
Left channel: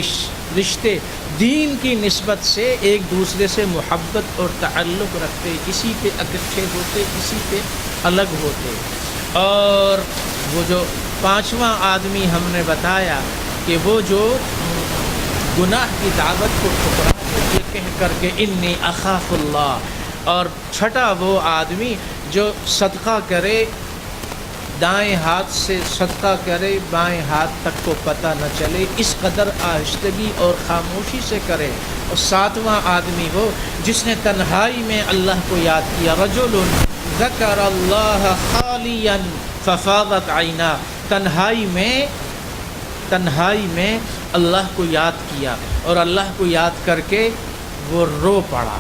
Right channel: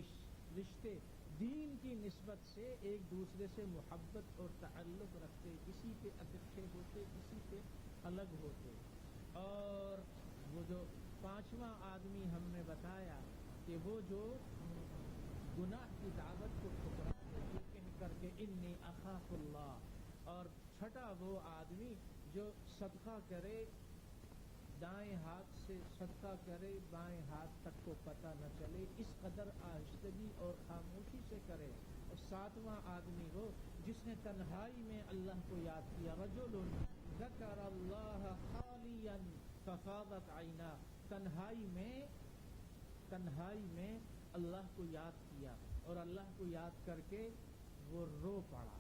رشتے، دین کی نسبت سے ایک دوسرے سے محبت اور تعلق رکھتے، کسی پہ اکٹھے ہوتے، کسی پہ الگ ہوتے. اور وہ جو 5واں آدمی ہم نے بتایا کہ وہ جو گناہ کی دعوت کو ٹھکرا یہ کہہ کر کے انی اخاف اللہ. اور چھٹا وہ آدمی جو صدقہ کرے، دائیں ہاتھ سے صدقہ کرے، بائیں ہاتھ تک کو پتہ نہ چلے، اس قدر آہستگی اور خاموشی سے کرے. اور 7واں آدمی وہ جس نے تنہائی میں اللہ کو یاد کیا. رجل ذکر اللہ خالیا ففاضت عینا، تنہائی میں اللہ کو یاد کیا اور اللہ کو یاد کر کے وہ رو پڑا۔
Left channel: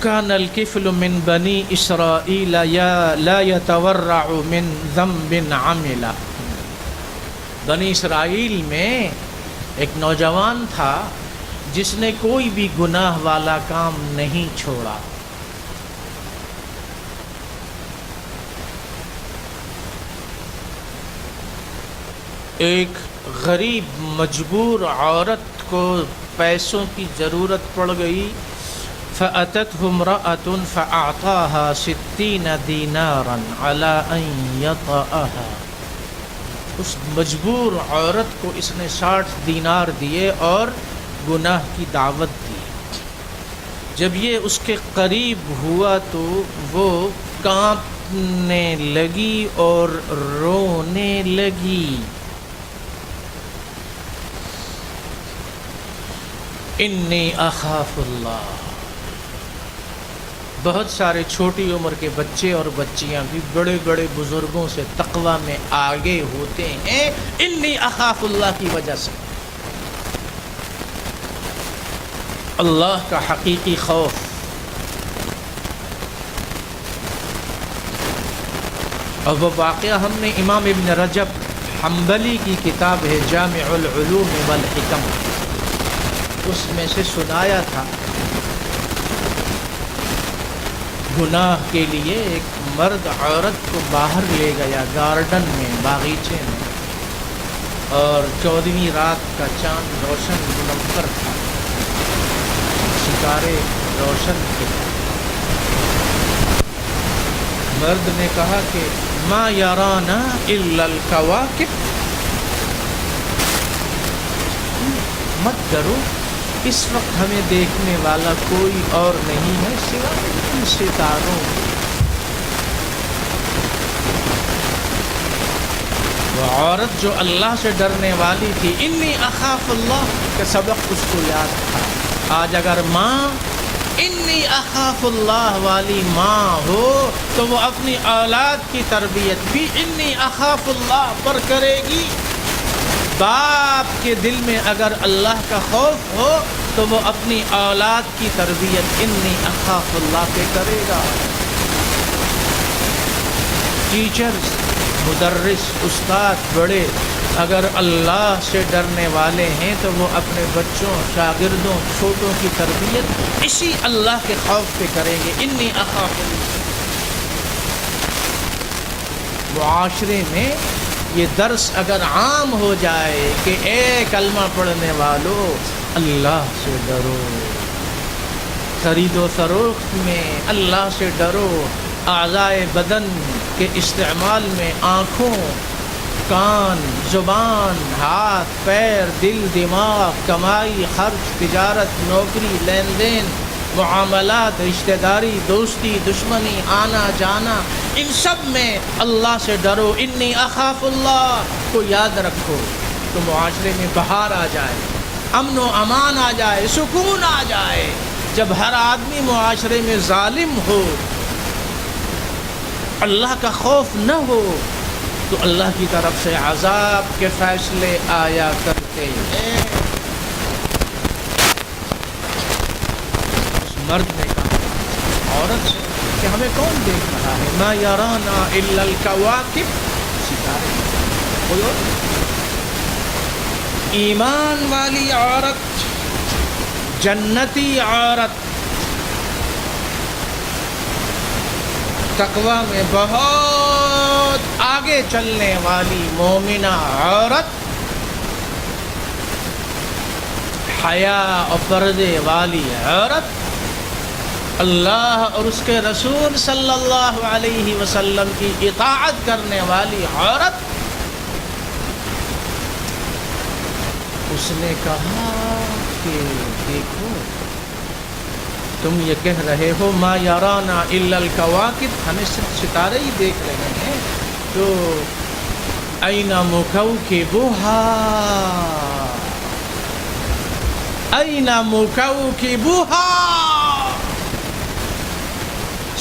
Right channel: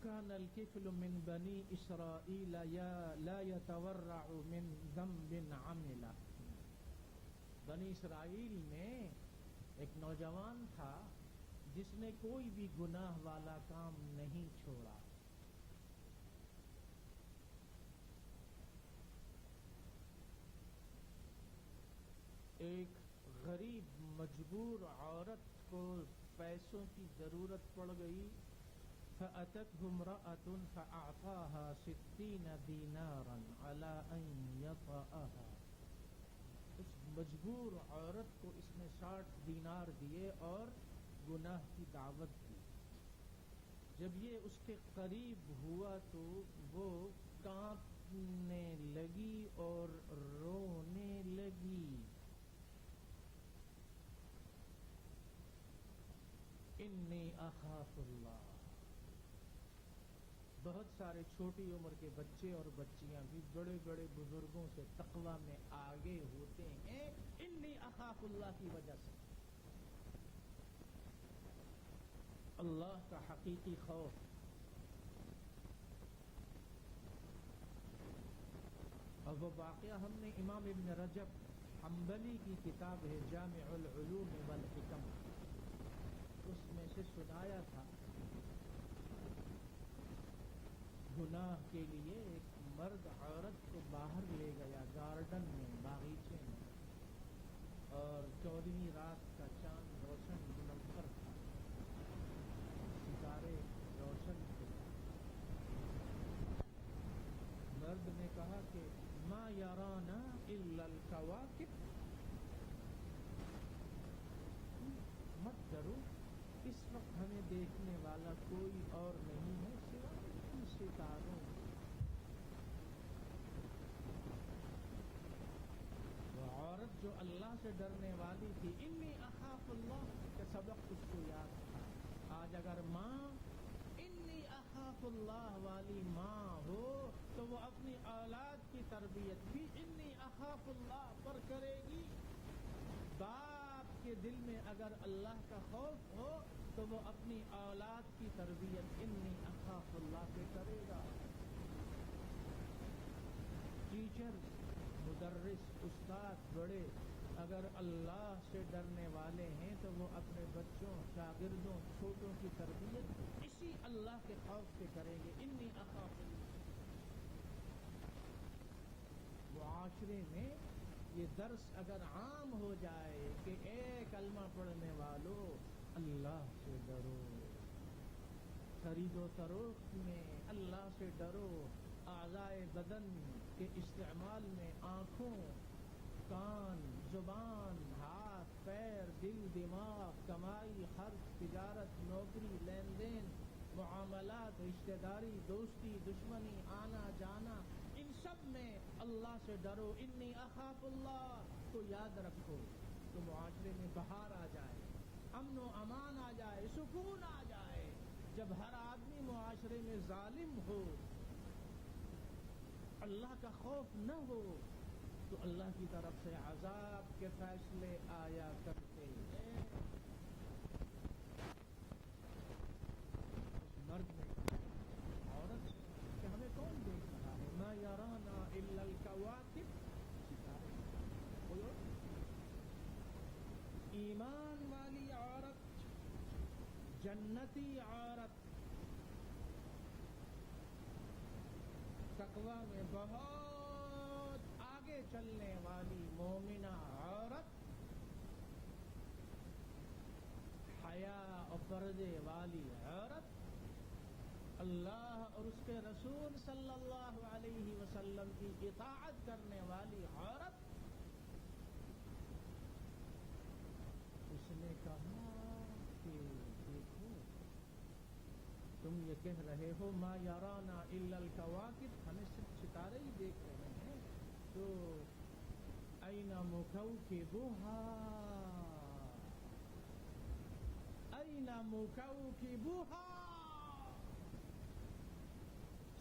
کان الکفل من بنی اسرائیل لا یتورع من ذنب عمل، بنی اسرائیل میں ایک نوجوان تھا جس نے کوئی بھی گناہ والا کام نہیں چھوڑا۔ ایک غریب مجبور عورت کو پیسوں کی ضرورت پڑ گئی، فأتته امرأة فأعطاها 60 دینارا على أن يطأها، اس مجبور عورت کو اس نے 60 دینار دیے اور گناہ کی دعوت دی۔ جب یہ اس کے قریب ہوا تو وہ کانپنے لگی اور رونے لگی۔ انی اخاف اللہ، بہت سارے چھوٹی عمر کے بچے اور بچیاں بھی بڑے بڑے بزرگوں سے تقوی میں آگے ہوتے ہیں انی اخاف اللہ کی وجہ سے۔ اللہ کا حقیقی خوف۔ اور وہ واقعہ ہم نے امام ابن رجب حنبلی کی کتاب ہے جامع العلوم والحکم، اس میں سے سنایا تھا۔ گناہ کے لیے ایک مرد عورت کو باہر لے گیا گارڈن میں، باغیچے میں، اور 14ویں رات کا چاند روشن منور تھا، ستارے روشن تھے۔ مرد نے کہا کہ ما یرانا الا الکواکب، مت ڈرو، اس وقت ہمیں دیکھنے والا کوئی اور نہیں ہے سوائے ان ستاروں۔ وہ عورت جو اللہ سے ڈرنے والی تھی، انی اخاف اللہ کا سبق اس کو یاد تھا۔ آج اگر ماں انی اخاف اللہ والی ماں ہو تو وہ اپنی اولاد کی تربیت بھی انی اخاف اللہ پر کرے گی۔ باپ کے دل میں اگر اللہ کا خوف ہو تو وہ اپنی اولاد کی تربیت انی اخاف اللہ پہ کرے گا۔ ٹیچرز، مدرس، استاد بڑے اگر اللہ سے ڈرنے والے ہیں تو وہ اپنے بچوں، شاگردوں، چھوٹوں کی تربیت اسی اللہ کے خوف پہ کریں گے، انی اخاف اللہ۔ معاشرے میں یہ درس اگر عام ہو جائے کہ اے کلمہ پڑھنے والو اللہ سے ڈرو، خرید و فروخت میں اللہ سے ڈرو، اعضائے بدن کے استعمال میں آنکھوں، کان، زبان، ہاتھ، پیر، دل، دماغ، کمائی، خرچ، تجارت، نوکری، لین دین، معاملات، رشتہ داری، دوستی، دشمنی، آنا جانا، ان سب میں اللہ سے ڈرو، انی اخاف اللہ کو یاد رکھو تو معاشرے میں بہار آ جائے، امن و امان آ جائے، سکون آ جائے۔ جب ہر آدمی معاشرے میں ظالم ہو، اللہ کا خوف نہ ہو تو اللہ کی طرف سے عذاب کے فیصلے آیا کرتے ہیں۔ اس مرد نے کہا عورت سے کہ ہمیں کون دیکھ رہا ہے؟ ما یرانا الا الکواکب، ستارے، کوئی اور؟ ایمان والی عورت، جنتی عورت، تقوی میں بہت آگے چلنے والی مومنہ عورت، حیا اور پردے والی عورت، اللہ اور اس کے رسول صلی اللہ علیہ وسلم کی اطاعت کرنے والی عورت، اس نے کہا کہ دیکھو تم یہ کہہ رہے ہو ما یرانا الا الکواکب، ہمیں صرف ستارے ہی دیکھ رہے ہیں، تو این موکوکبھا، این موکوکبھا،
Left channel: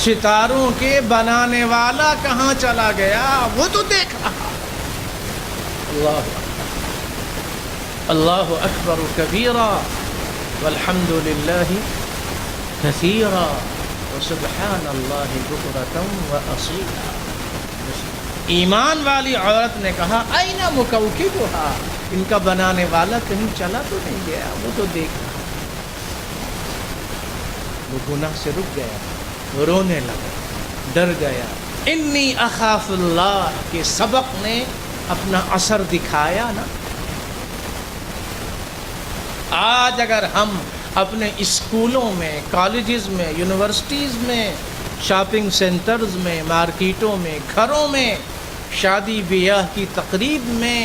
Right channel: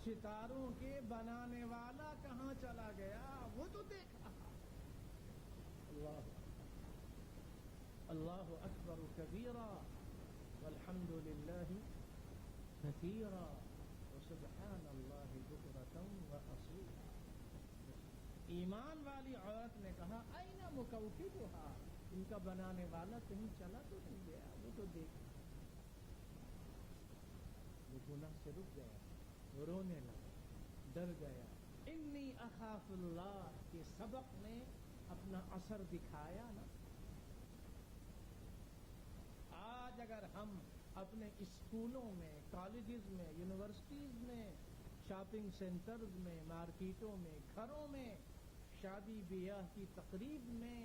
ستاروں کے بنانے والا کہاں چلا گیا؟ وہ تو دیکھ رہا۔ اللہ اللہ اکبر کبیرا والحمد للہ کثیرا وسبحان اللہ بکرۃ واصیلا۔ ایمان والی عورت نے کہا این مکوکبھا، ان کا بنانے والا کہیں چلا تو نہیں گیا، وہ تو دیکھ رہا۔ وہ گناہ سے رک گیا، رونے لگا، ڈر گیا۔ انی اخاف اللہ کے سبق نے اپنا اثر دکھایا نا۔ آج اگر ہم اپنے اسکولوں میں، کالجز میں، یونیورسٹیز میں، شاپنگ سینٹرز میں، مارکیٹوں میں، گھروں میں، شادی بیاہ کی تقریب میں،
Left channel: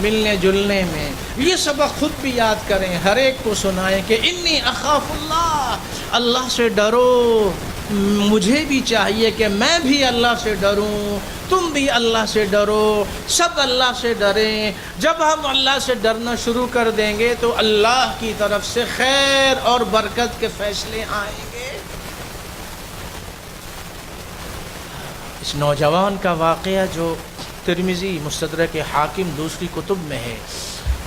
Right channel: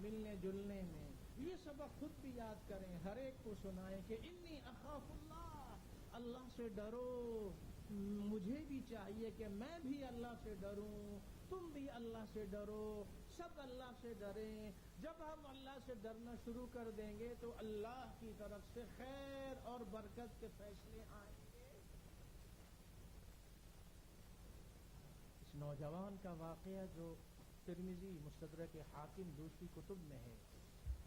ملنے جلنے میں یہ سبق خود بھی یاد کریں، ہر ایک کو سنائیں کہ انی اخاف اللہ، اللہ سے ڈرو۔ مجھے بھی چاہیے کہ میں بھی اللہ سے ڈروں، تم بھی اللہ سے ڈرو، سب اللہ سے ڈریں۔ جب ہم اللہ سے ڈرنا شروع کر دیں گے تو اللہ کی طرف سے خیر اور برکت کے فیصلے آئیں گے۔ اس نوجوان کا واقعہ جو ترمذی، مستدرک حاکم، دوسری کتب میں ہے،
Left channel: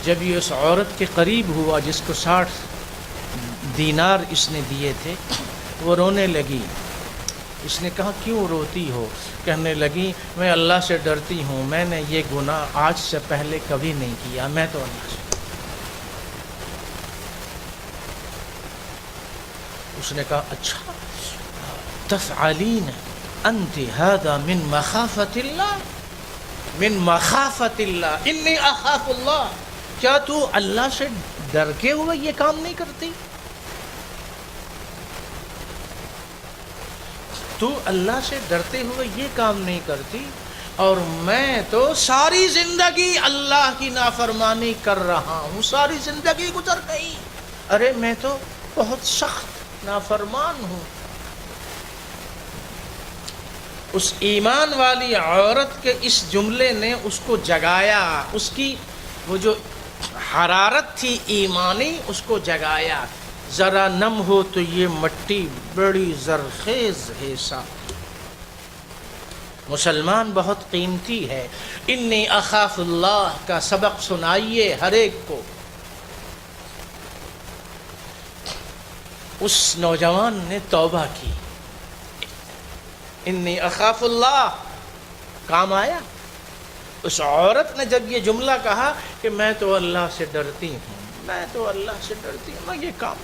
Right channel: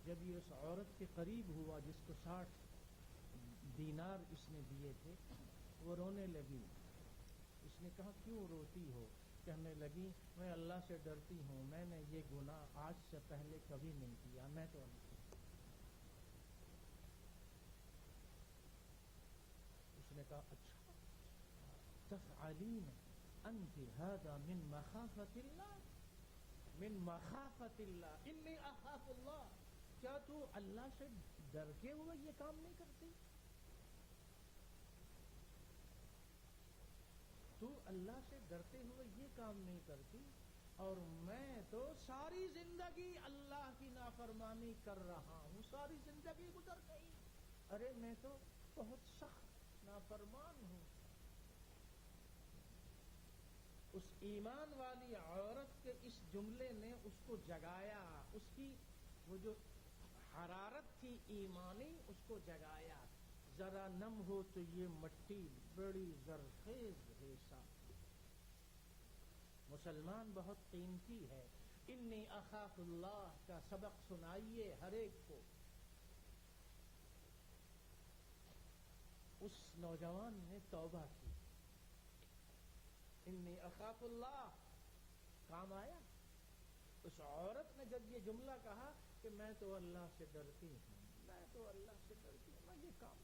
جب یہ اس عورت کے قریب ہوا جس کو 60 دینار اس نے دیے تھے، وہ رونے لگی۔ اس نے کہا کیوں روتی ہو؟ کہنے لگی میں اللہ سے ڈرتی ہوں، میں نے یہ گناہ آج سے پہلے کبھی نہیں کیا، میں تو اللہ سے۔ اس نے کہا اچھا تفعلین انت هذا من مخافت اللہ، من مخافت اللہ، انی اخاف اللہ، کیا تو اللہ سے ڈر کے ہوئے یہ کام نہیں کرتی؟ تو اللہ سے ڈرتے ہوئے یہ کام نہیں کرتی، اور میں تو ساری زندگی اللہ کی نافرمانی کر رہا ہوں، ساری زندگی گزر گئی، ارے میں تو بہت سخت نافرمان ہوں۔ اس ایمان والی عورت کے اس جملے نے اس کو جگایا، اس کی وہ جو حرارت تھی ایمانی اس کو جگایا۔ ذرا نم ہو تو یہ مٹی بڑی زرخیز ہے صاحب، مسلمان بہت قیمتی ہے۔ انی اخاف اللہ کا سبق سنائیے ہر ایک کو۔ اس نوجوان نے توبہ کی، انی اخاف اللہ کام آیا۔ اس عورت نے جب یہ جملہ کہا کہ میں تو اللہ سے ڈرتی ہوں، میں تو اللہ سے ڈرتی ہوں، میں یہ کام،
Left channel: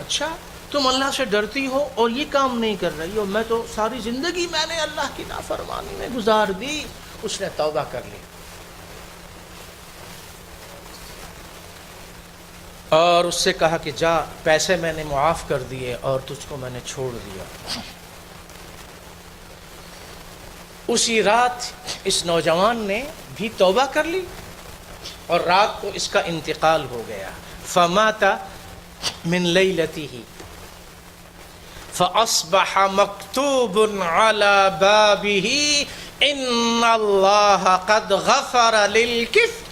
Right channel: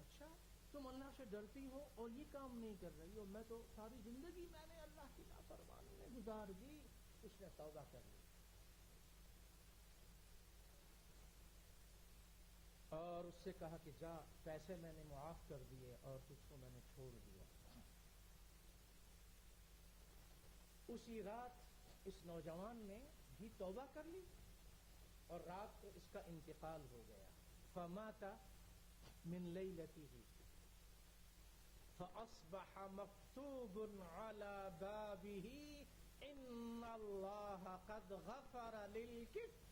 اچھا تم اللہ سے ڈرتی ہو اور یہ کام نہیں کر رہی ہو، میں تو ساری زندگی میں نے اللہ کی نافرمانی میں گزار دی۔ اس نے توبہ کر لی اور اس سے کہا کہ جا، پیسے میں نے معاف کر دیے اور تجھ کو میں نے چھوڑ دیا۔ اسی رات اس نوجوان نے بھی توبہ کر لی اور رات کو اس کا انتقال ہو گیا۔ فمات من لیلته فاصبح مکتوب على بابه ان اللہ قد غفر للکفر۔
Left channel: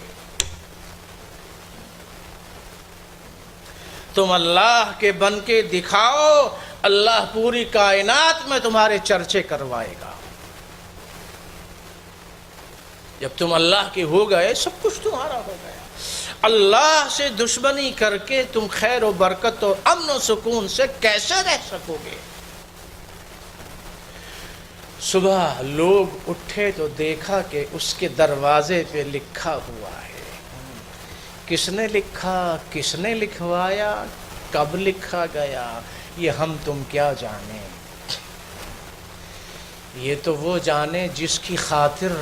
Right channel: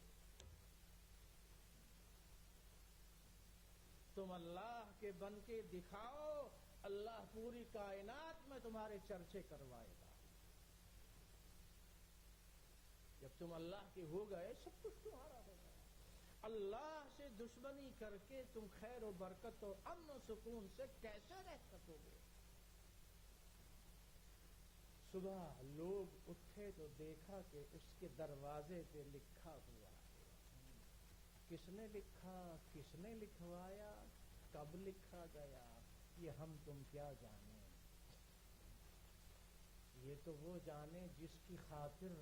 تم اللہ کے بن کے دکھاؤ، اللہ پوری کائنات میں تمہارے چرچے کروائے گا۔ جب تم اللہ کے ہو گئے سب کچھ تمہارا ہو گیا۔ اللہ سے دشمنی کر کے تم خیر و برکت اور امن و سکون سے کیسے رہ سکو گے؟ صبح لوگ اٹھے تو دیکھا کہ اس کے دروازے پہ لکھا ہوا ہے۔ کس نے لکھا، کس نے لکھوایا، کب لکھا گیا، یہ ہم تم کیا جانیں۔ یہ تو وہ جانے جس کی خاطر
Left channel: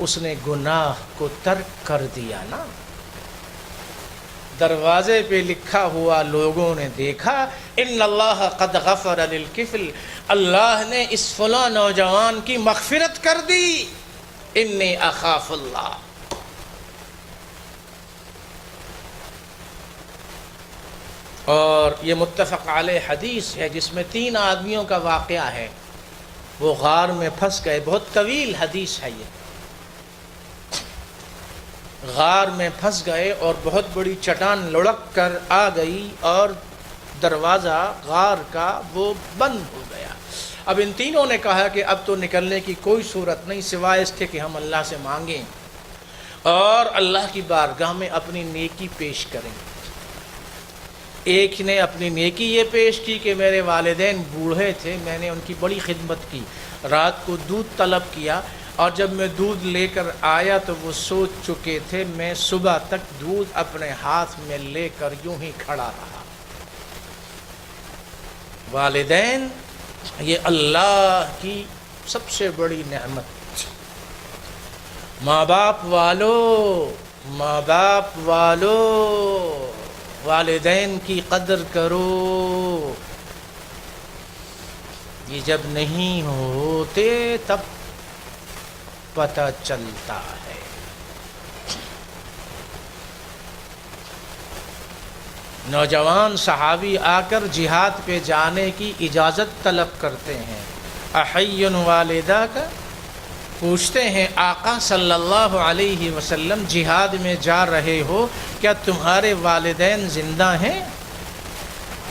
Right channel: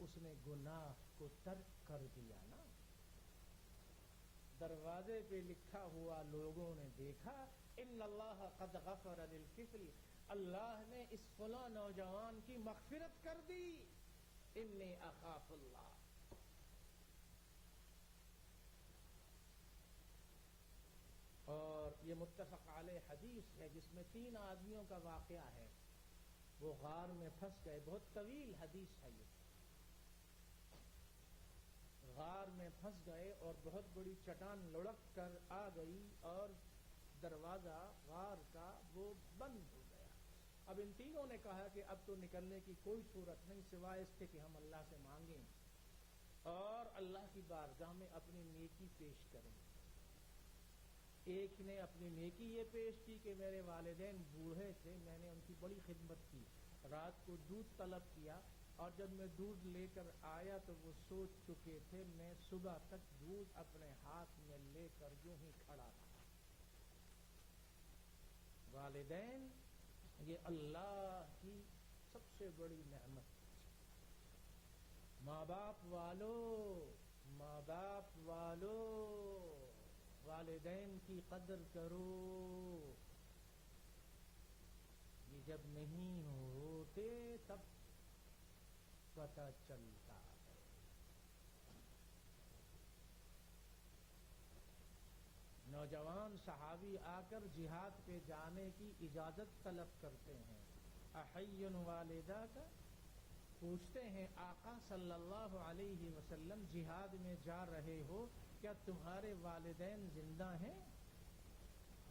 اس نے گناہ کو ترک کر دیا نا۔ دروازے پہ لکھا ہوا لوگوں نے دیکھا، ان اللہ قد غفر للکفل، اللہ نے اس فلاں نوجوان کی مغفرت کر دی، انی اخاف اللہ۔ اور یہ متفق علیہ حدیث ہے جس میں 3 آدمیوں کا واقعہ ہے۔ وہ غار میں پھنس گئے، بہت طویل حدیث ہے یہ۔ غار میں پھنس گئے اور بہت بڑی چٹان لڑک کر آ گئی اور دروازہ غار کا وہ بند ہو گیا۔ اب ان تینوں نے کہا کہ اب تو نکلنے کی کوئی صورت نہیں سوائے اس کے کہ ہم اللہ سے مانگیں اور اللہ کی بارگاہ میں اپنی نیکی پیش کریں۔ ایک نے اپنی نیکی یہ پیش کی کہ میرے والدین بوڑھے تھے، میں نے ان کی بڑی خدمت کی، رات کو دودھ طلب کیا اور جب میں دودھ لے کر آیا تو وہ سو چکے تھے، میں صبح تک دودھ اپنے ہاتھ میں لے کر یوں ہی کھڑا رہا۔ والدین یہ اللہ کی سب سے بڑی نعمت۔ ماں باپ والو والدین کی قدر کرو، یہ جب نہیں ہوتے تب پتہ چلتا ہے۔ نوجوان صحابی آ کر جہاد پہ جانے کی اجازت طلب کرتے ہیں، احی والدہ کا پوچھتے ہیں آقا صلی اللہ علیہ وسلم جہاد میں جا رہے ہو، کیا تمہارے والدین زندہ ہیں؟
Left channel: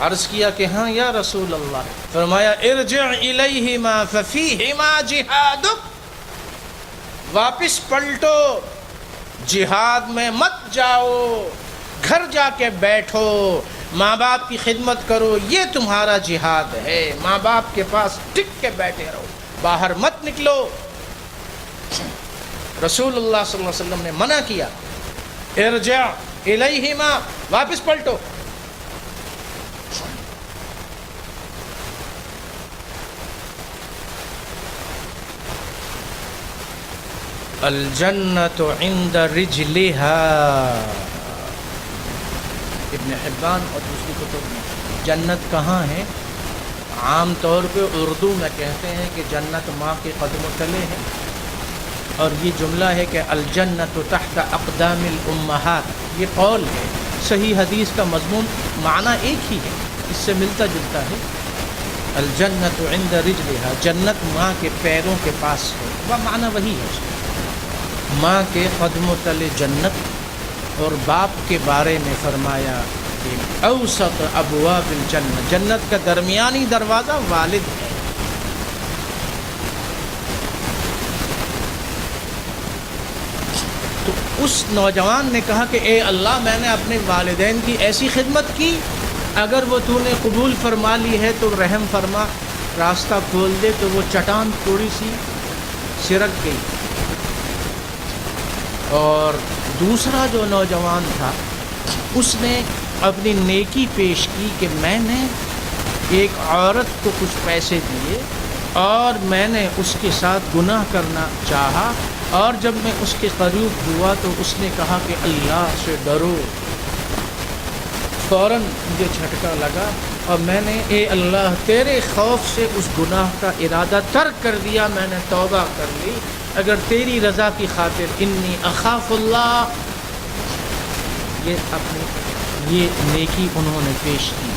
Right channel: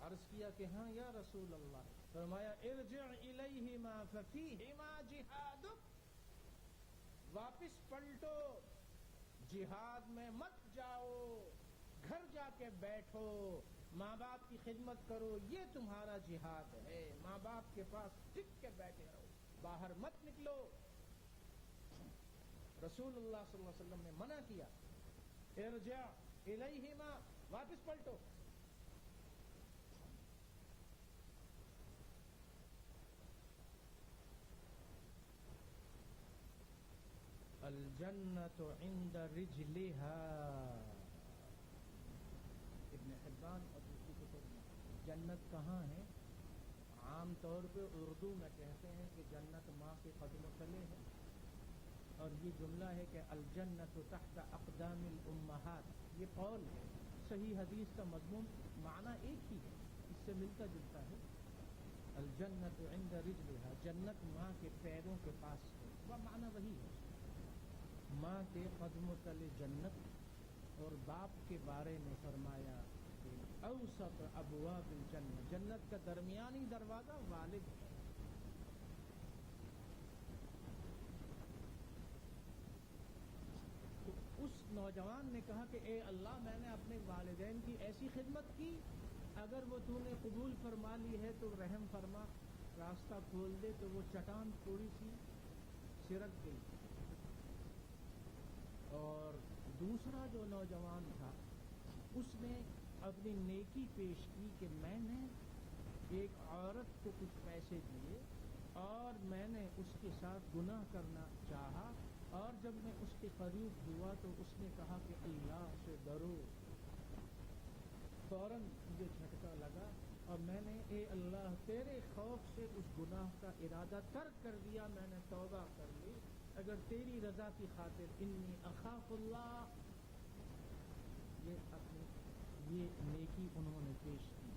عرض کیا کہ ہاں یا رسول اللہ۔ فرمایا ارجع الیہما ففیہما جہادک، واپس پلٹو، جہاد میں مت جاؤ، گھر جا کے بیٹھو، ماں باپ کی خدمت کرو، یہ تمہارا جہاد ہے، ماں باپ کے پاس ٹک کے بیٹھے رہو، باہر مت نکلو۔ رسول اللہ صلی اللہ علیہ وسلم نے منع کیا، ارجع الیہما، واپس پلٹو۔ الجنت عند رجلها، ابن حبان اور دوسری کتب میں جنت کہاں ہے؟ عام طور پہ اردو میں کہتے ہیں کہ جنت ماں کے قدموں تلے ہے، اور یہ جملہ ہے کہ الجنت تحت اقدام الامہات، یہ قول ہے۔ صحیح حدیث کا مضمون معنی ایک ہی ہے، اس سے ملتا جلتا ہے۔ الجنت عند رجلها، جنت ماں کے پیروں کے پاس ہے، وہ معنی وہی ہے، ماں کے قدموں تلے جنت۔ اور باپ کے بارے میں فرمایا کہ اوسط ابواب الجنت، جنت کا درمیانی دروازہ والد ہے۔ تو اس نوجوان نے کہا کہ اے اللہ، میں نے اپنے والدین کی ایسی خدمت کی، اگر وہ تو نے قبول فرما لی ہے تو رحم فرما، راستہ کھول دے۔ تو وہ چٹان تھوڑی سی سرک گئی۔ اور دوسرا جو نوجوان تھا اس نے اپنی نیکی پیش کی کہ میں نے ایک عورت کو کچھ پیسے دیے اور میں نے اس کے ساتھ گناہ کرنا چاہا، اور جب میں اس کے قریب ہوا تو اس نے کہا کہ اللہ سے ڈرو۔ فوراً مجھے جھٹکا لگا اور میں نے اے اللہ تیرے خوف سے اس گناہ کا ارادہ ترک کر دیا، میں نے توبہ کر لی، اگر تیری رضا کی خاطر انی اخاف اللہ۔ یہ نیکی انہوں نے پیش کی۔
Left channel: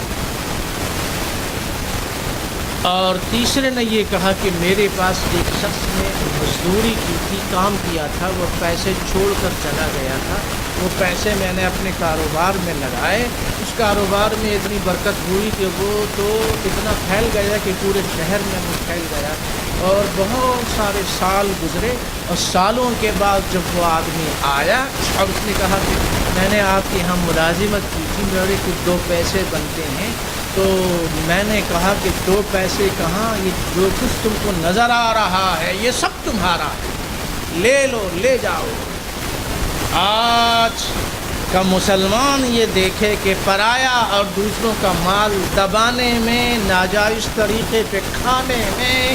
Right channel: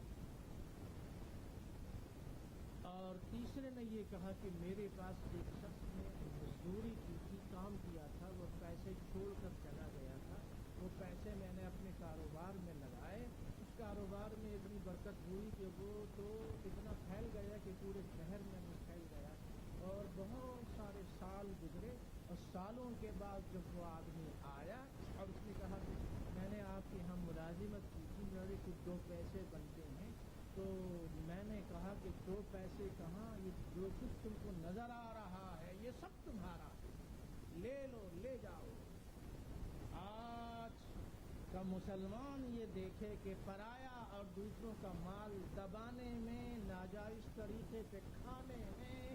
اور تیسرے نے یہ کہا کہ میرے پاس ایک شخص نے مزدوری کی تھی، کام کیا تھا، وہ پیسے چھوڑ کر چلا گیا تھا، وہ پیسے میں نے اپنے کاروبار میں لگائے، اس کاروبار میں اتنی برکت ہوئی کہ وہ تو اتنا پھیل گیا کہ پورے شہر میں وہ پھیل گیا، اور بہت سارے سال گزرے، اور سالوں کے بعد جب وہ آدمی آیا اور اس نے کہا کہ میں نے آپ کے یہاں ملازمت کی تھی، میرے کچھ 2 پیسے بنتے ہیں، تو میں نے کہا کہ 2 پیسے کہاں، یہ جو کچھ تم کو نظر آ رہا ہے یہ سب تمہارا ہے، لے لو، لے جاؤ۔ آج کا مسلمان یہ دیکھے کہ پرایا اور دوسروں کا مال دبانے میں، ناجائز طریقے پہ کھانے میں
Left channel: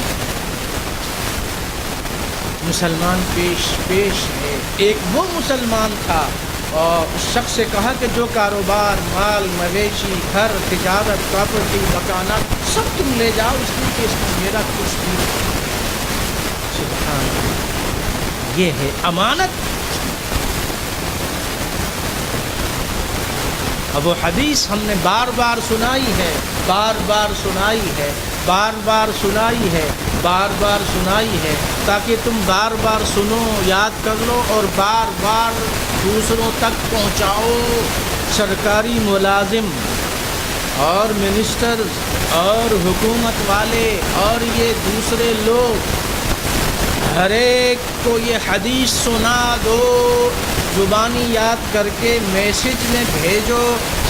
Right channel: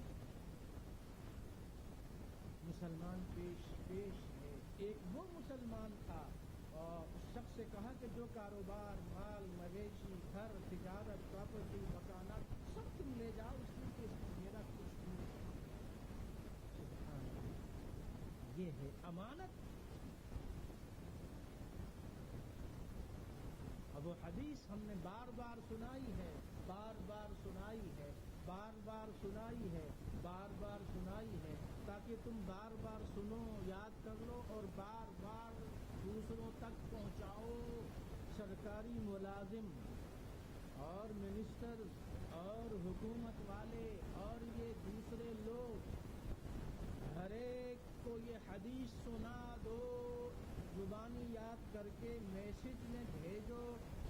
مسلمان پیش ہے۔ ایک وہ مسلمان تھا اور اس شخص سے کہا کہ جو کاروبار، مال، مویشی، گھر، تجارت، پراپرٹی، مکانات سب تم لے جاؤ، اس لیے کہ اس میں میرا کچھ بھی نہیں۔ سبحان اللہ، یہ ہے امانت۔ اب وہ حدیث ہم نے بار بار سنائی ہے، بار بار سنائی ہے، بار بار سنائی ہے، بار بار سنائی ہے، تاکہ تم بار بار سنو، یاد کر لو اور بار بار دوسروں تک پہنچاؤ۔ سرکاری ملازم اور منسٹر اور حکومت والے اور یہ دوسرے لوگ ہر ایک کو یہ حدیث سنا دو، زبانی یاد کر کے میسج میں بھیجو۔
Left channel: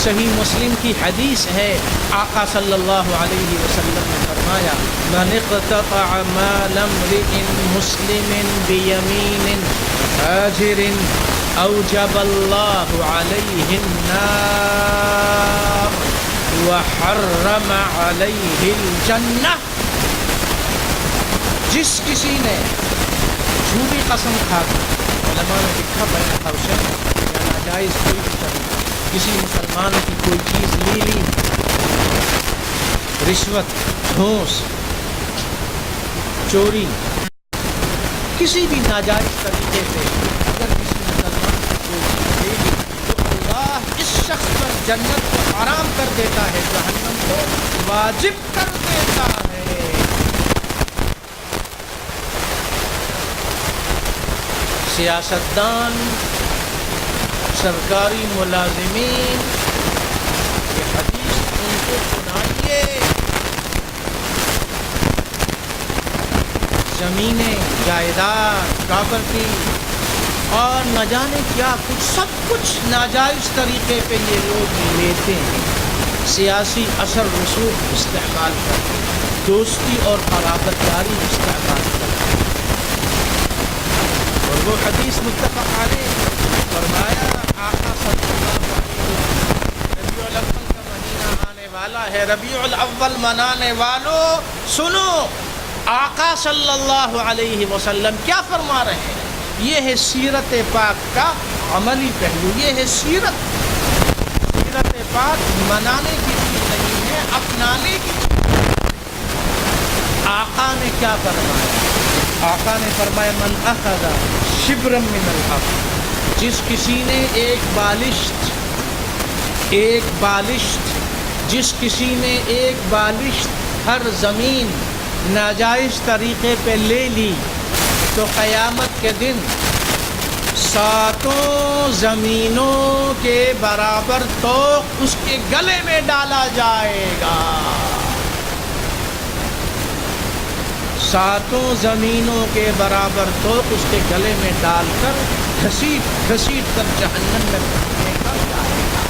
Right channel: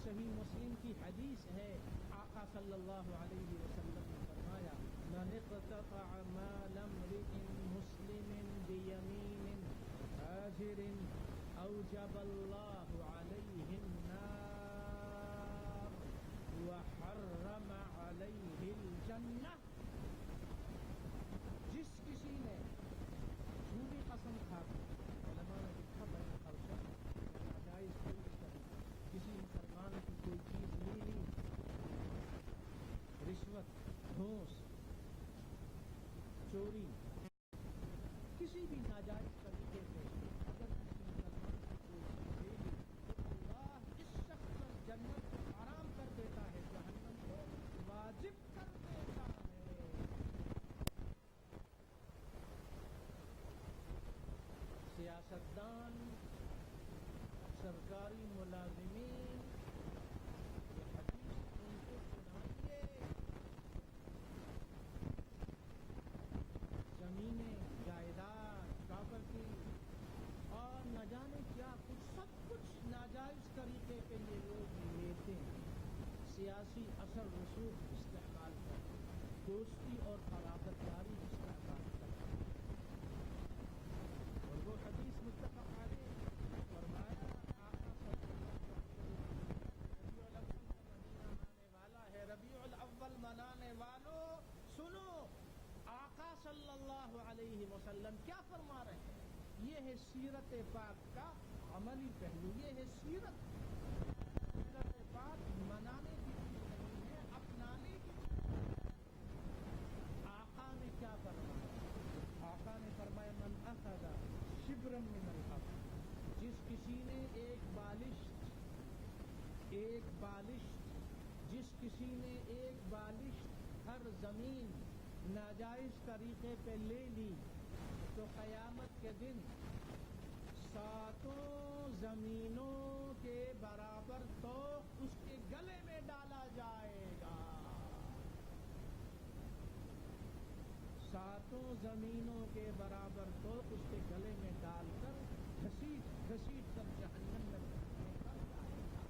صحیح مسلم کی حدیث ہے، آقا صلی اللہ علیہ وسلم نے فرمایا من اقتطع مال امرئ مسلم بیمین فاجر اوجب اللہ علیہ النار وحرم علیہ الجنہ۔ جس کسی نے جھوٹی قسم کھا کر، علماء نے لکھا بین حوشن یا ناجائز کوئی بھی طریقہ کسی مسلمان کی کوئی چیز لی، رشوت، گھوس، چوری، کسی بھی ناجائز طریقے سے اگر کسی مسلمان کی کوئی چیز لے لی تو اللہ اس شخص پر جنت کو حرام کر دیتا ہے، جہنم کو واجب کر دیتا ہے۔ سیاستدان، سرکاری ملازمین، یہ حدیث ان کو سنائیے۔ زمینیں، جائیداد، پراپرٹی اور نہ جانے کیا کچھ، سب کچھ ناجائز طریقے پہ یہ لوگ لیتے ہیں، سیاسی اثر رسوخ استعمال کرتے ہیں، دوستی اور قرابت داری استعمال کرتے ہیں۔ اور وہ حدیث متفق علیہ فرمایا، آقا صلی اللہ علیہ وسلم، ربیع الاول کا مہینہ آنے والا ہے، ربیع الاول منانے والوں سنو، آقا صلی اللہ علیہ وسلم کیا فرما رہے ہیں۔ یہ ہے سیرت پاک کا عملی پہلو، یہ ہے سیرت پاک منانے کی چیز نہیں ہے، اپنانے کی چیز۔ آقا نے کیا فرمایا؟ آقا نے فرمایا من اخذ شبرا من الارض، جس کسی نے ایک بالشت، جس کسی نے ایک بالشت ہر زمین ناجائز طریقے پہ لے لی تو قیامت کے دن 7 زمینوں کے برابر توق اس کے گلے میں ڈالا جائے گا۔ 7 زمینوں کے برابر توق اس کے گلے میں ڈال کر گھسیٹ کر جہنم میں پھینکا جائے گا۔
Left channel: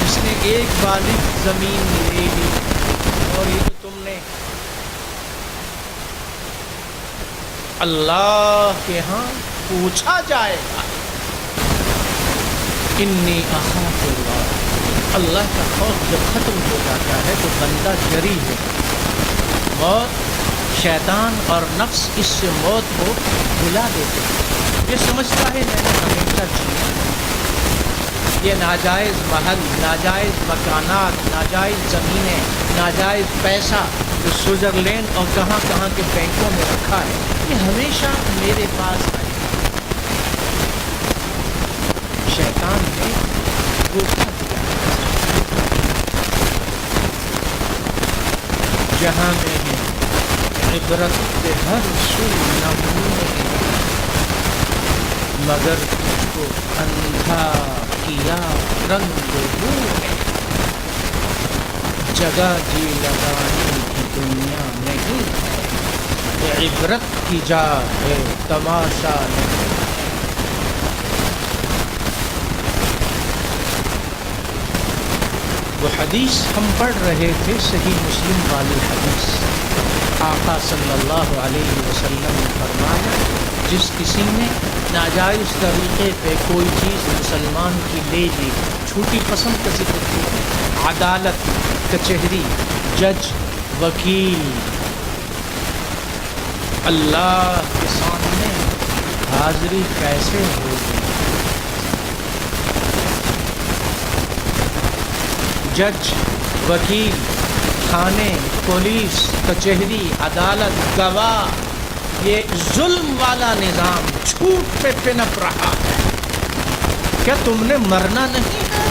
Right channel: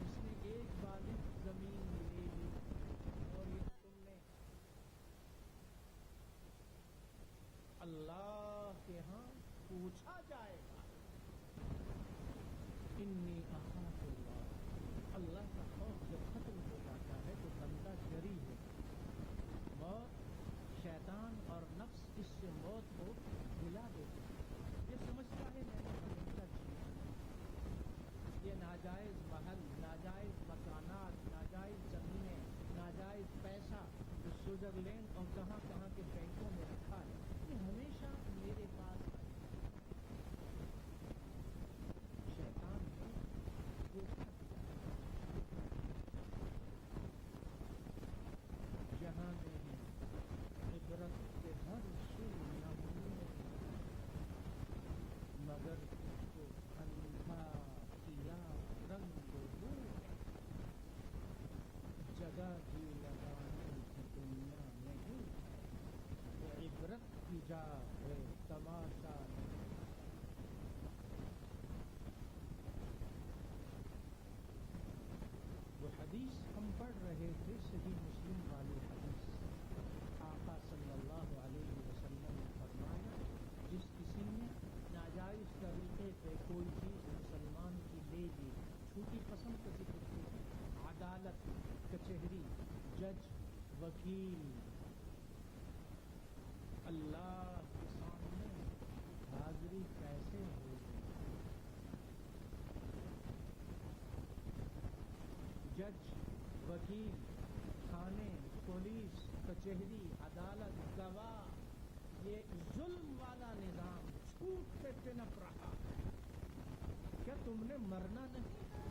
جس نے ایک بالغ زمین لے لی، اور یہ تو تم نے اللہ کے ہاں پوچھا جائے گا۔ انی اخاف اللہ، اللہ کا خوف جب ختم ہو جاتا ہے تو بندہ جری ہے۔ موت، شیطان اور نفس اس سے موت کو بھلا دیتے ہیں۔ یہ سمجھتا ہے میں نے ہمیشہ جینا، یہ ناجائز محل، ناجائز مکانات، ناجائز زمینیں، ناجائز پیسہ جو سوئٹزرلینڈ اور کہاں کہاں کے بینکوں میں رکھا ہے، یہ ہمیشہ میرے پاس آئے۔ شیطان نے دھوکہ دیا، جہاں میں ہے عبرت کے ہر سو نمونے، مگر تجھ کو اندھا کیا رنگ رو ہے۔ جگہ جی لگانے کی دنیا نہیں ہے، یہ عبرت کی جا ہے، تماشا نہیں۔ وہ حدیث ہم پڑھ رہے تھے، صحیح مسلم والی حدیث۔ آقا صلی اللہ علیہ وسلم نے فرمایا، جس کسی نے ناجائز طریقے پہ کوئی چیز مسلمان کی لے لی، چھوٹی قسم کا ذکر کیا، عدالت، کچہری، جج، وکیل، اللہ کے سامنے حاضری کیسے ہوگی؟ جج، وکیل، تھانے، پولیس، کچہری، عدالت، گواہ، یہ ظلم والا نظام جھوٹ پہ پنپ رہا ہے۔ کیا تم نے مرنا نہیں ہے؟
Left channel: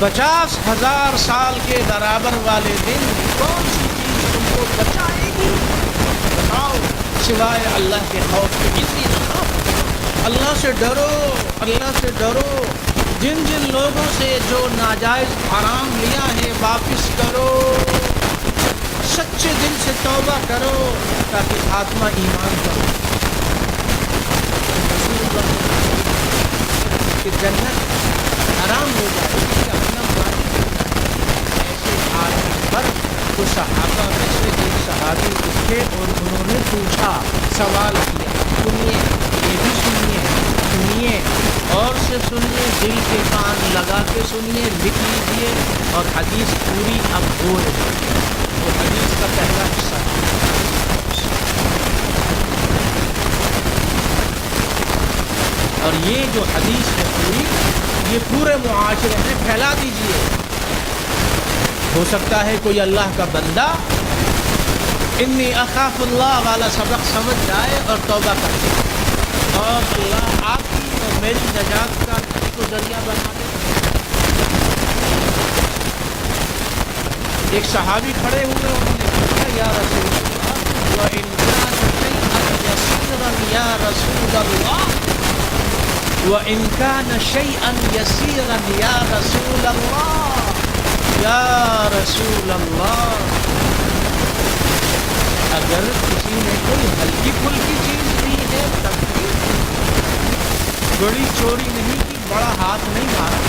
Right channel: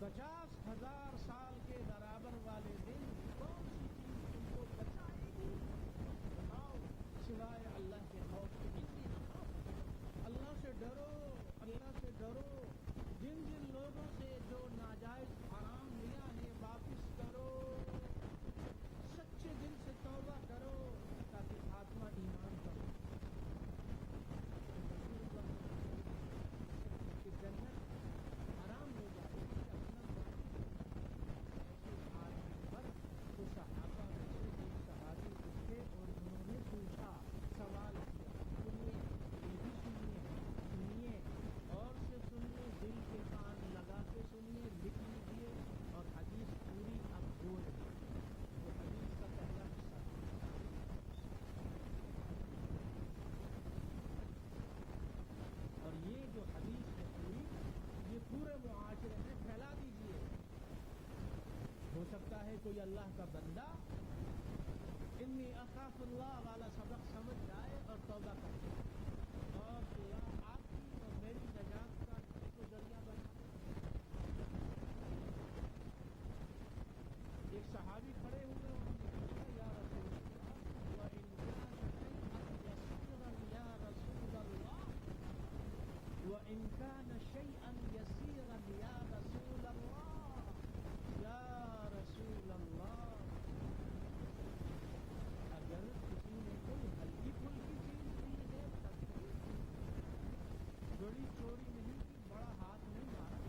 50,000 سال کے برابر والے دن کون سی چیز تم کو بچائے گی؟ بتاؤ، سوائے اللہ کے خوف کے۔ اتنی نہ اللہ سے ڈرو، اللہ سے ڈرو۔ جن جن لوگوں سے جو ناجائز حرام لیا ہے واپس کرو، سچے دل سے توبہ کرو تاکہ خاتمہ ایمان کرو کہ جنت حرام ہو جائے گی، جہنم واجب ہو جائے گی۔ ایسے آدمی پر تو صحابہ میں سے ایک صحابی اٹھے اور انہوں نے پوچھا، سوال کیا، سنیے، یہ بھی سنیے، سنیے اور سے سنیے، دل کے کان لگا کے سنیے، لکھ لیجیے، اور حدیث پوری اب ہو رہی ہے۔ وہ حدیث کا پہلا حصہ ہے۔ اور یہ جو حدیث ہے پوری، یہ پورے معاشرے میں پھیلا دیجیے۔ ہو سکتا ہے کوئی اللہ کا بندہ انی اخاف اللہ والا سبق سمجھ جائے اور توبہ کر دے، اور اللہ آپ کی اور میری نجات کا کو ذریعہ بنا دے۔ ایک صحابی کھڑے ہوئے، انہوں نے پوچھا، یا رسول اللہ وَإِنْ كَانَ شَيْئًا يَسِيرًا یا رسول اللہ، وَإِنْ كَانَ شَيْئًا يَسِيرًا یا رسول اللہ، یا رسول اللہ، اگر کسی نے کوئی ہلکی پھلکی چیز دی ہے تب بھی، بڑی چوری نہیں کی، بڑا ہاتھ نہیں مارا،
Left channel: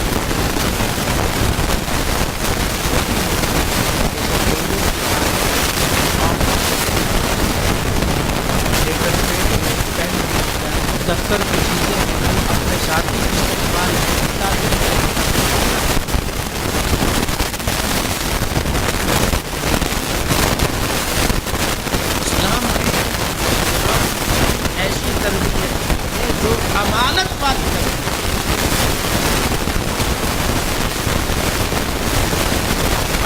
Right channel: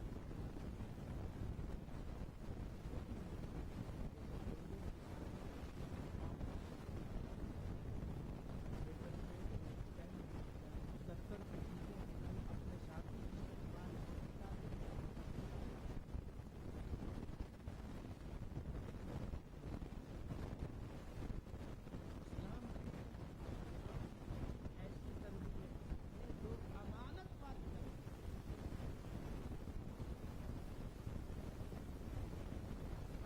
دفتر کی چیزیں اپنے ساتھی استعمال اسلام ایسی تربیت ہے جو امانت والی ہے۔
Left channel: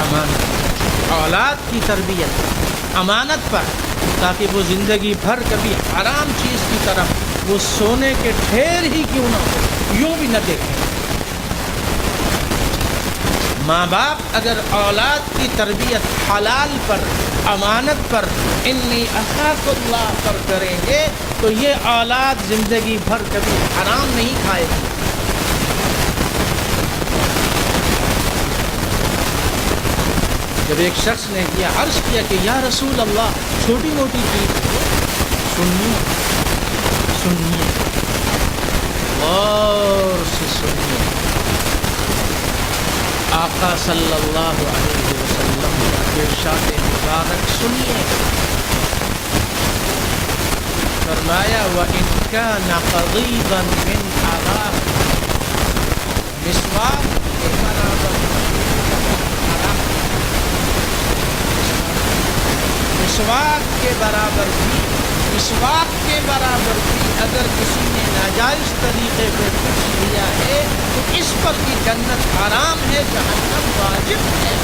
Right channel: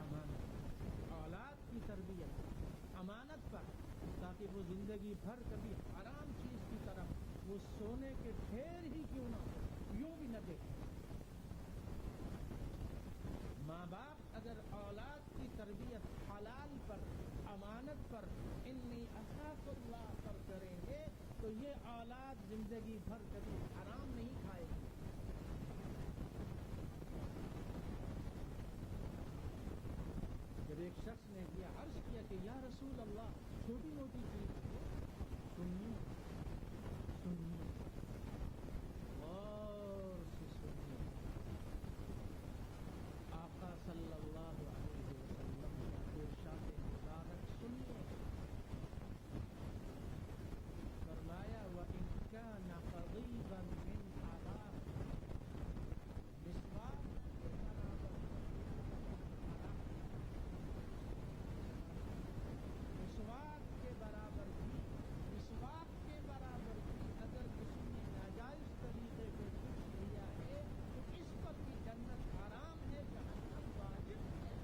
امانت، اولاد کی تربیت امانت پر، تاکہ وہ زندگی بھر کبھی حرام چیز کی طرف وہ سونے کے ڈھیر ہی کیوں نہ ہو یوں بھی نہ دیکھیں۔ ماں باپ اگر اولاد کی تربیت حلال پر، امانت پر، انی اخاف اللہ پر کریں گے تو یہ اولاد زندگی بھر کبھی حرام نہیں کھائے گی۔ جب ایک شخص نے عرض کیا کہ یا رسول اللہ، چھوٹی موٹی چیز سنیے، سنیے اور سے سنیے، آقا صلی اللہ علیہ وسلم کا ارشاد مبارک سنیے، فرمایا وَإِنْ كَانَ قَضِيبًا مِنْ حَرَامٍ، مسواک کے برابر حرام، مسواک کے برابر بھی، مسواک کے برابر بھی اگر کسی نے ناجائز طریقے پہ کچھ لیا ہے تو اس پر بھی جنت حرام ہے، جہنم واجب ہے۔